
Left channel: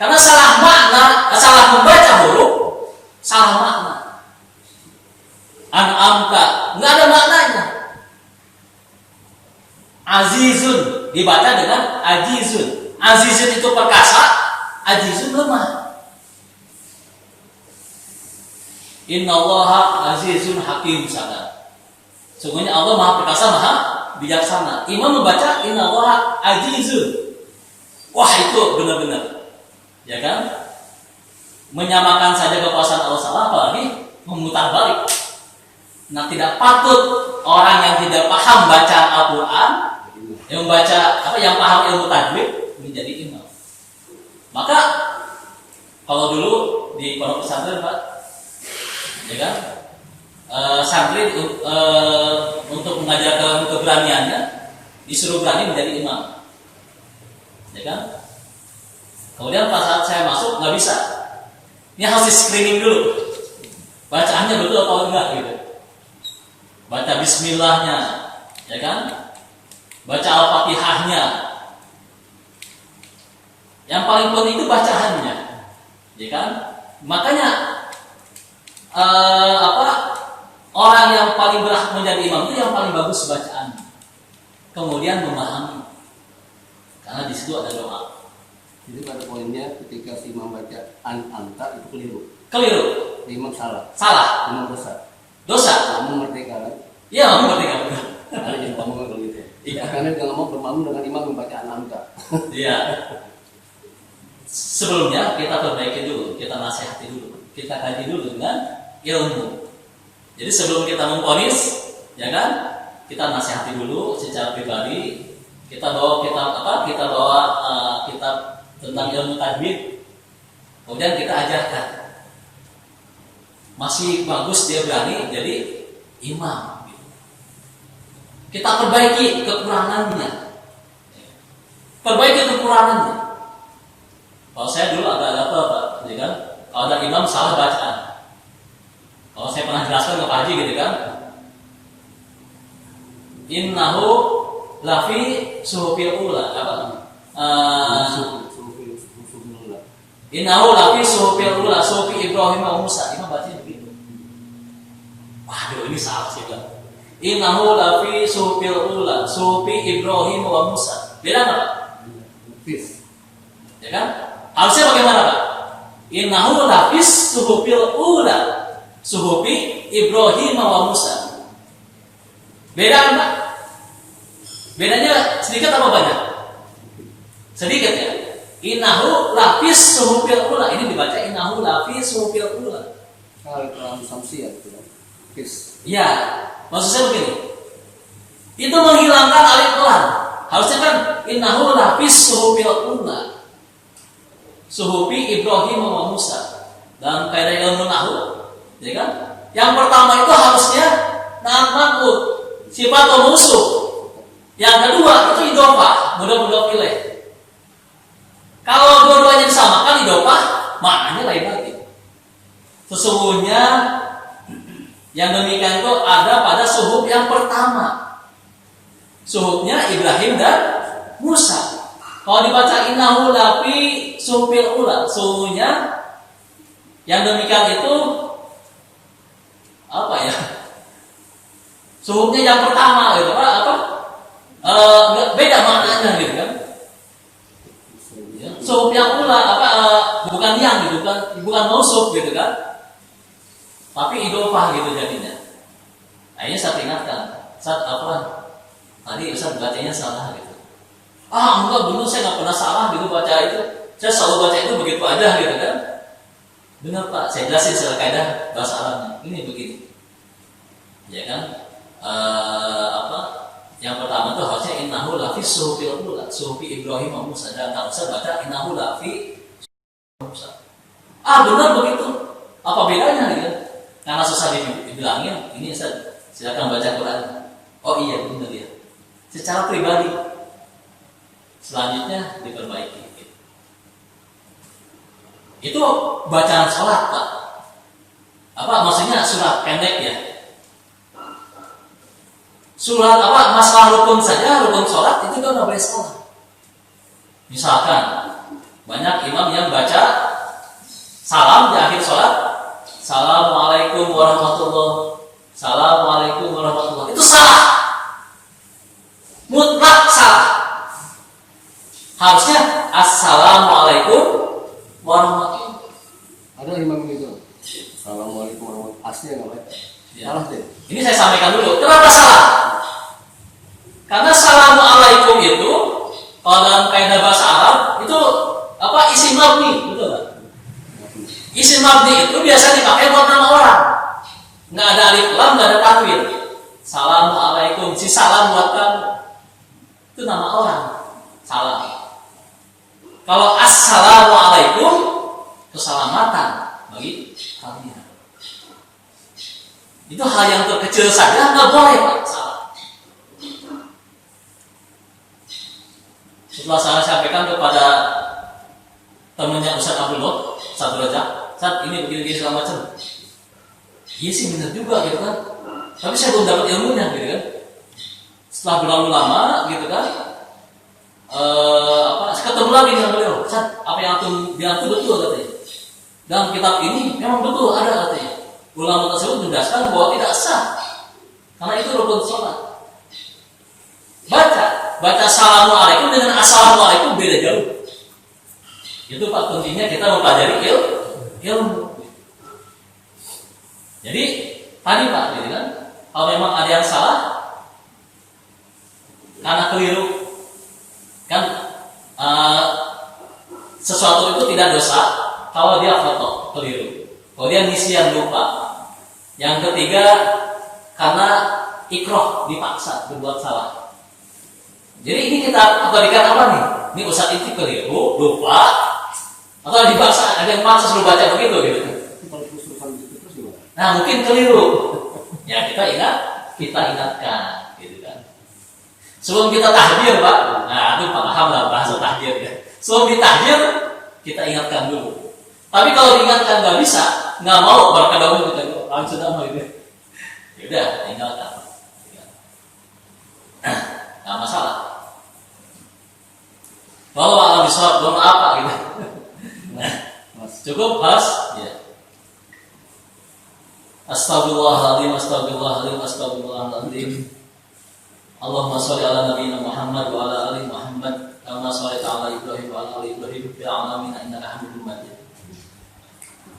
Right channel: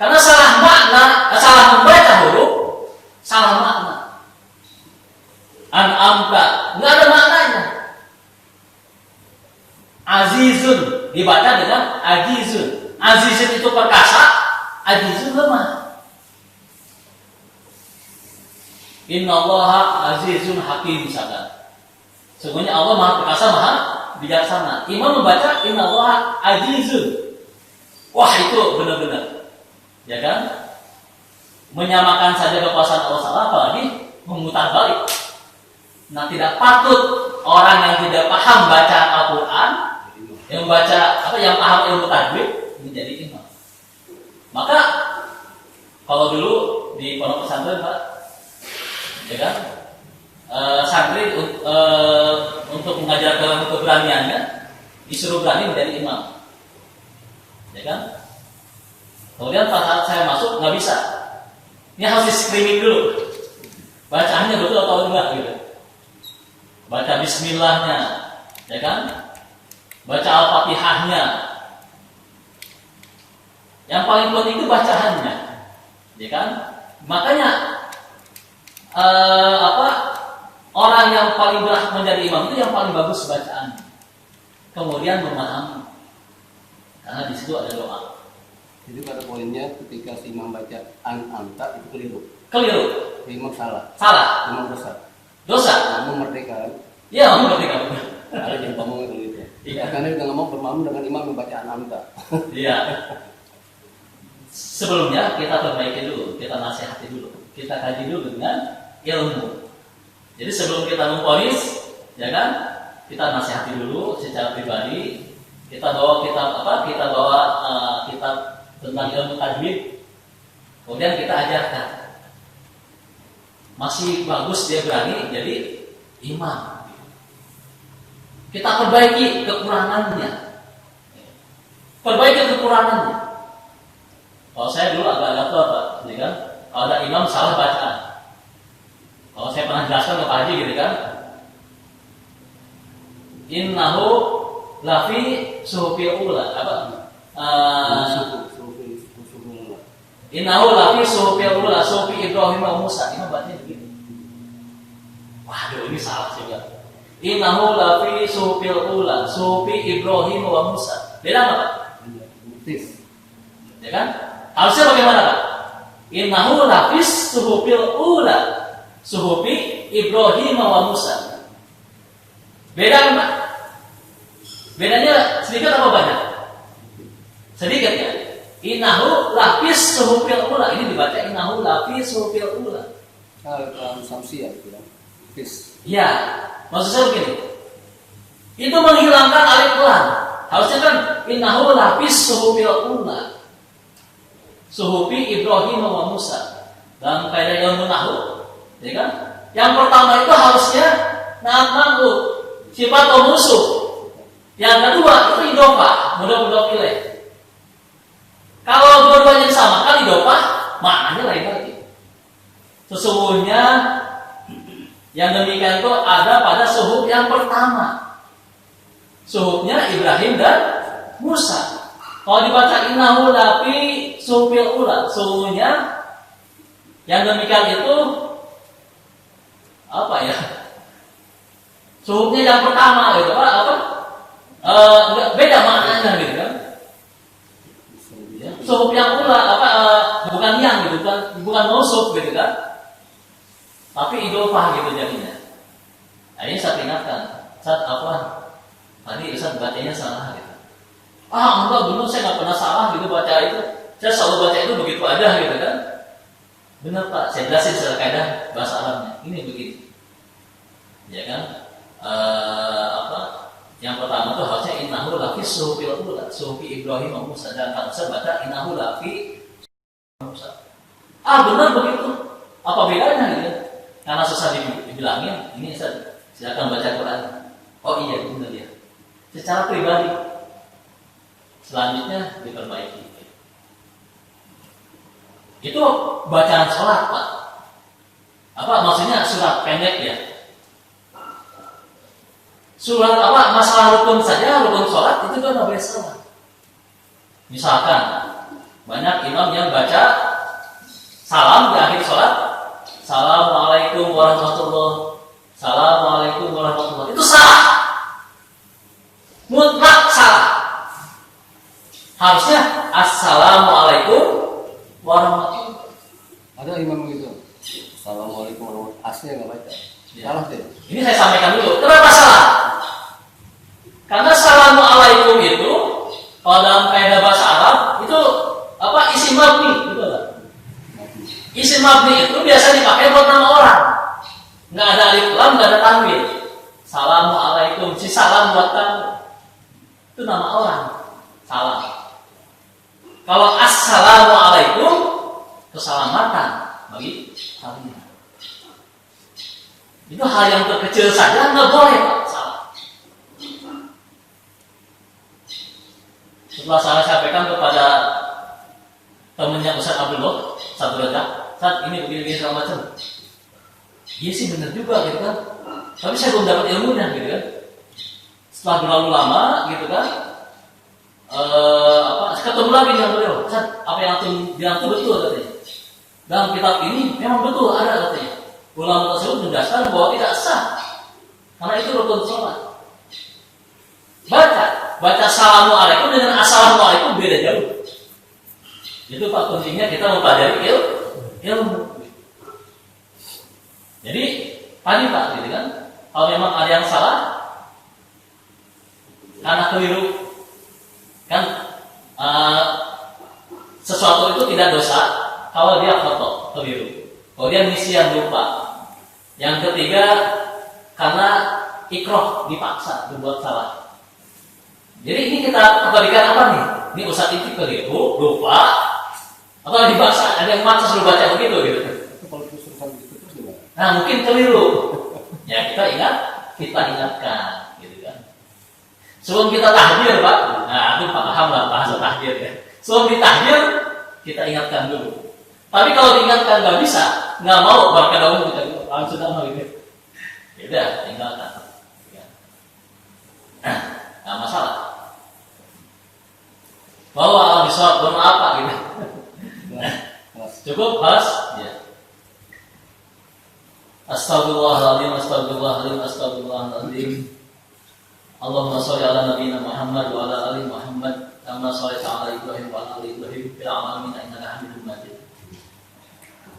Karena salah makna, salah membaca huruf, salah makna. An-amta nggak ada maknanya. Azizun dibaca dengan ajizun. Azizun itu perkasa, ajizun lemah. Innallaha azizun hakim misalkan. Sungguhnya Allah Maha Perkasa, Maha Bijaksana. Imam membaca innallaha azizun. Wah, itu benar-benar, ya kan? Menyamakan saja kekuasaan Allah salah, apalagi memutar balik. Nah, tidak patut orang yang tidak paham baca Al-Quran, yang membaca yang paham ilmu tajwid menjadi imam. Maka kalau dulu di pondok pesantren Pak, ya kan, santri untuk mengajarkan keberaniannya disuruh berani menjadi imam, ya kan. Kemudian pas saat saya masuk nggak bisa, ini harus di screening dulu, bacaannya betul atau enggak gitu. Baca Bismillahnya, ya kan, baca Al-Fatihahnya. Yang paling penting itu bacaannya, ya kan. Makanya orang yang paling berhak menjadi imam itu yang paling bagus bacaan, kemudian memahami, karena di situ ada doa. Jadi pada poinnya ketika si imam baca an anta itu keliru. Keliru. Imam salah. Salah. Imam dosa. Dosa. Kamu merdeka kan? Iya, kamu merdeka benar. Kalau jadi ngomong kalau gitu. Iya. Karena dia nggak mau bermakmum dengan imam membaca an anta. Iya. Sebelumnya kita perbaiki dulu, kita nasihati dulu, kita kaji dulu dengan ilmu. Jadi sebelum kita memvonis, ya kan, kita nasihati dulu secara pribadi. Kita bawa kitab tentang ilmu tajwid, kemudian kita ajarkan. Masih bagus dia berani jadi imam. Kita perbaiki kekurangannya. Perbaiki kekurangannya. Kalau saya dulu agak gatel Pak, gitu kan? Kalau ada imam salah bacaan. Kalau saya pernah jelaskan ke Pak Haji gitu kan, innahu lafi suhufil ula apa? Innahu lafi suhufil ula suhufi Ibrahim wa Musa. Imam bacanya begitu. Waduh ini salah sih bilang. Innahu lafi suhufil ula suhufi Ibrahim wa Musa. Beda nggak Pak? Ya kan? Harusnya bagaimana Pak? Innahu lafis suhufil ula suhufi Ibrahim wa Musa. Beda Pak? Bedanya sedikit apa banyak? Sedikit ya. Innahu lafis suhufil ula. Ini dibaca innahu lafis suhufil ula. Kalau samsi ya, Ya, maksud saya begini. Itu menghilangkan alif lam. Harusnya kan innahu lafis suhufil ula suhufi Ibrahim wa Musa. Dalam kaidah ilmu nahwu, ya kan? Yang pertama itu harusnya na'at man'ut, sifat atau musuh. Yang kedua itu idhofah, mudhof ilaih. Kalau dua-duanya disamakan idhofah, maknanya lain lagi. Sesungguhnya yang demikian itu ada pada suhuf yang pertama. Suhufnya Ibrahim dan Musa. Kalau dibaca innahu lafi suhufil ula, sesungguhnya yang demikian itu apa ya? Suhufnya yang pertama gitu apa? Beda maknanya gitu kan? Suhuf yang ula bukan yang gitu kan? Bukan mausuf gitu kan? Tapi idhofah gitu jadinya. Akhirnya saya ingatkan, saat apa? Tadi Ustaz bacanya salah gitu. Enggak benar, saya nggak pernah salah gitu baca itu. Saya selalu baca itu begitu aja gitu kan. Benar Pak, saya jelasin secara kaidah bahasa Arabnya. Ini begini. Ya kan? Yang pertama itu harusnya innahu lafi suhufil ula, suhufi Ibrahim wa Musa. Dan kalau saya baca innahu lafi Musa. Benar begitu. Apa bedanya gitu? Karena susah dibilangin, ini saya akan baca Quran. Oh iya benar ya. Secara pribadi. Selanjutnya diperbaiki. Itu bacaan sholat Pak. Maksudnya surat pendek ya. Surat masalah rukun saja, rukun sholat itu kan boleh salah. Misalkan banyak imam yang baca salam di akhir sholat, Assalamualaikum warahmatullahi, Assalamualaikum warahmatullahi. Itu salah. Mutlak salah. Harusnya Assalamualaikum warahmatullahi. Ada imam itu. Assalamualaikum warahmatullahi. Aslinya nggak baca. Ya. Salah deh. Ini saya sampaikan dulu. Kenapa salah? Karena Assalamualaikum itu kalau dalam kaidah bahasa Arab itu isim mabni, betul tak? Isim mabni itu biasa dipakai buat nama orang. Nggak ada alif lam, nggak ada tanwin. Assalamualaikum, si salam buat kamu. Itu nama orang. Salam. Kalau assalamualaikum, keselamatan bagi kalian. Itu hal yang terkecil saja nggak boleh Pak, salah. Setelah saya sampaikan kepada temannya Ustaz Abdul Lot, Ustaz Rajak, Ustaz ini begini segala macam. Iya sih benar juga gitu kan. Tapi saya belum dapat ilmunya gitu kan. Setelah berlalu lama gitu kan, ketemu lagi dengan beliau. Ustaz, apa yang antum bilang itu betul katanya. Dalam kitab ini memang betul ada katanya. Ulama tersebut menjelaskan bahwa tidak sah karena itu rukun sholat. Baca assalamualaikum dengan assalamualaikum beda jauh. Itu Pak kuncinya kita mempelajari ilmu. Jadi tadi Pak, gitu kan? Kalau memang ada yang salah karena keliru, kan sesuatu itu tidak dosa kalau dia foto keliru, kalau dia nisyan lupa. Yang ketiga karena ikroh dipaksa berbuat salah. Jadi ini kita abadikan apa nih? Ini Ustaz itu keliru, lupa, atau dipaksa ada yang maksa suruh baca begitu gitu. Nah mungkin keliru. Ya kita ingatkan, gitu kan. Sebelum kita tahdir, Pak. Nah, itu paham lah bahasa tahdir ya. Sebelum ditahdir, kita ingatkan dulu. Tapi kalau diingatkan nggak bisa, nggak mau berkedahulu kita langsung sama gitu. Ya udah, tinggalkan. Nggak masalah. Bahwa alam bisawab belum apa gitu. Cukup pas, ya. Astagfirullahaladzim, astagfirullahaladzim, astagfirullahaladzim. Allahumma sholli ala nabiyyina Muhammad wa ala ali Muhammad kama shallaita ala Ibrahim wa ala ali Ibrahim fil alamin innaka Hamidum Majid.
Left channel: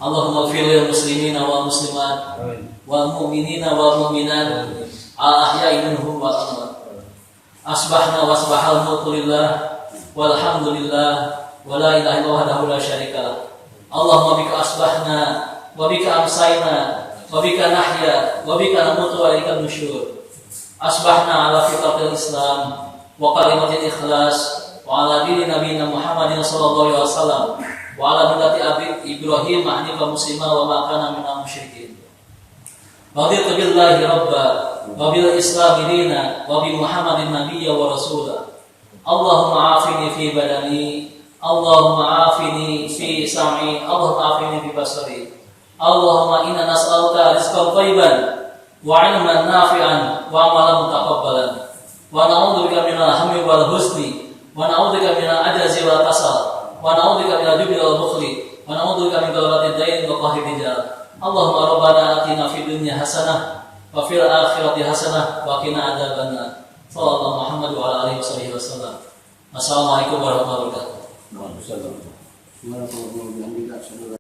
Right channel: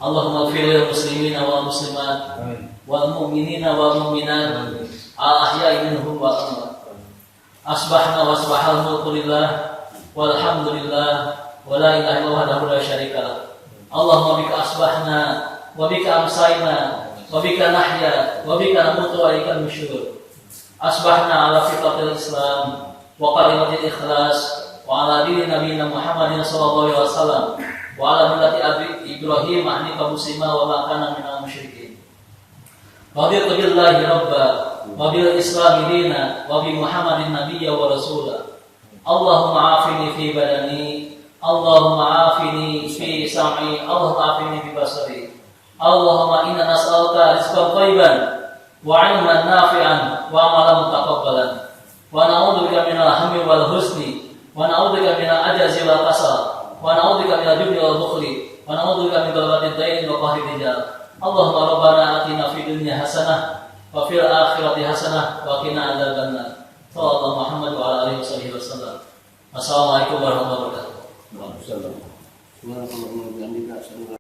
Allahumma ighfir lil muslimina wal muslimat wal mu'minina wal mu'minat al ahya'i minhum wal amwat. Asbahna wa asbahal mulku lillah walhamdulillah wa la ilaha illallah wahdahu la syarika lah. Allahumma bika asbahna wa bika amsayna wa bika nahya wa bika namutu wa ilaika nusyur. Asbahna ala fitratil Islam wa kalimatil ikhlas wa ala dini nabiyina Muhammadin sallallahu alaihi wasallam wa ala millati abi Ibrahim hanifan muslima wa ma kana minal musyrikin. Raditu billahi rabba wa bil Islam dina wa bi Muhammadin nabiyya wa rasula. Allahumma afini fi badani, Allahumma afini fi sam'i, Allahumma afini fi basari. Allahumma inna nas'aluka rizqan thayyiban wa 'ilman nafi'an wa 'amalan mutaqabbalan wa na'udzubika minal hammi wal huzni wa na'udzubika minal ajazi wal kasal wa na'udzubika minal jubni wal bukhli wa na'udzubika min ghalabati dain wa qahri rijal. Allahumma rabbana atina fid dunya hasanah wa fil akhirati hasanah wa qina adzabannar. Sallallahu Muhammad wa ala alihi wasallam. Assalamualaikum warahmatullahi wabarakatuh. Waalaikumsalam.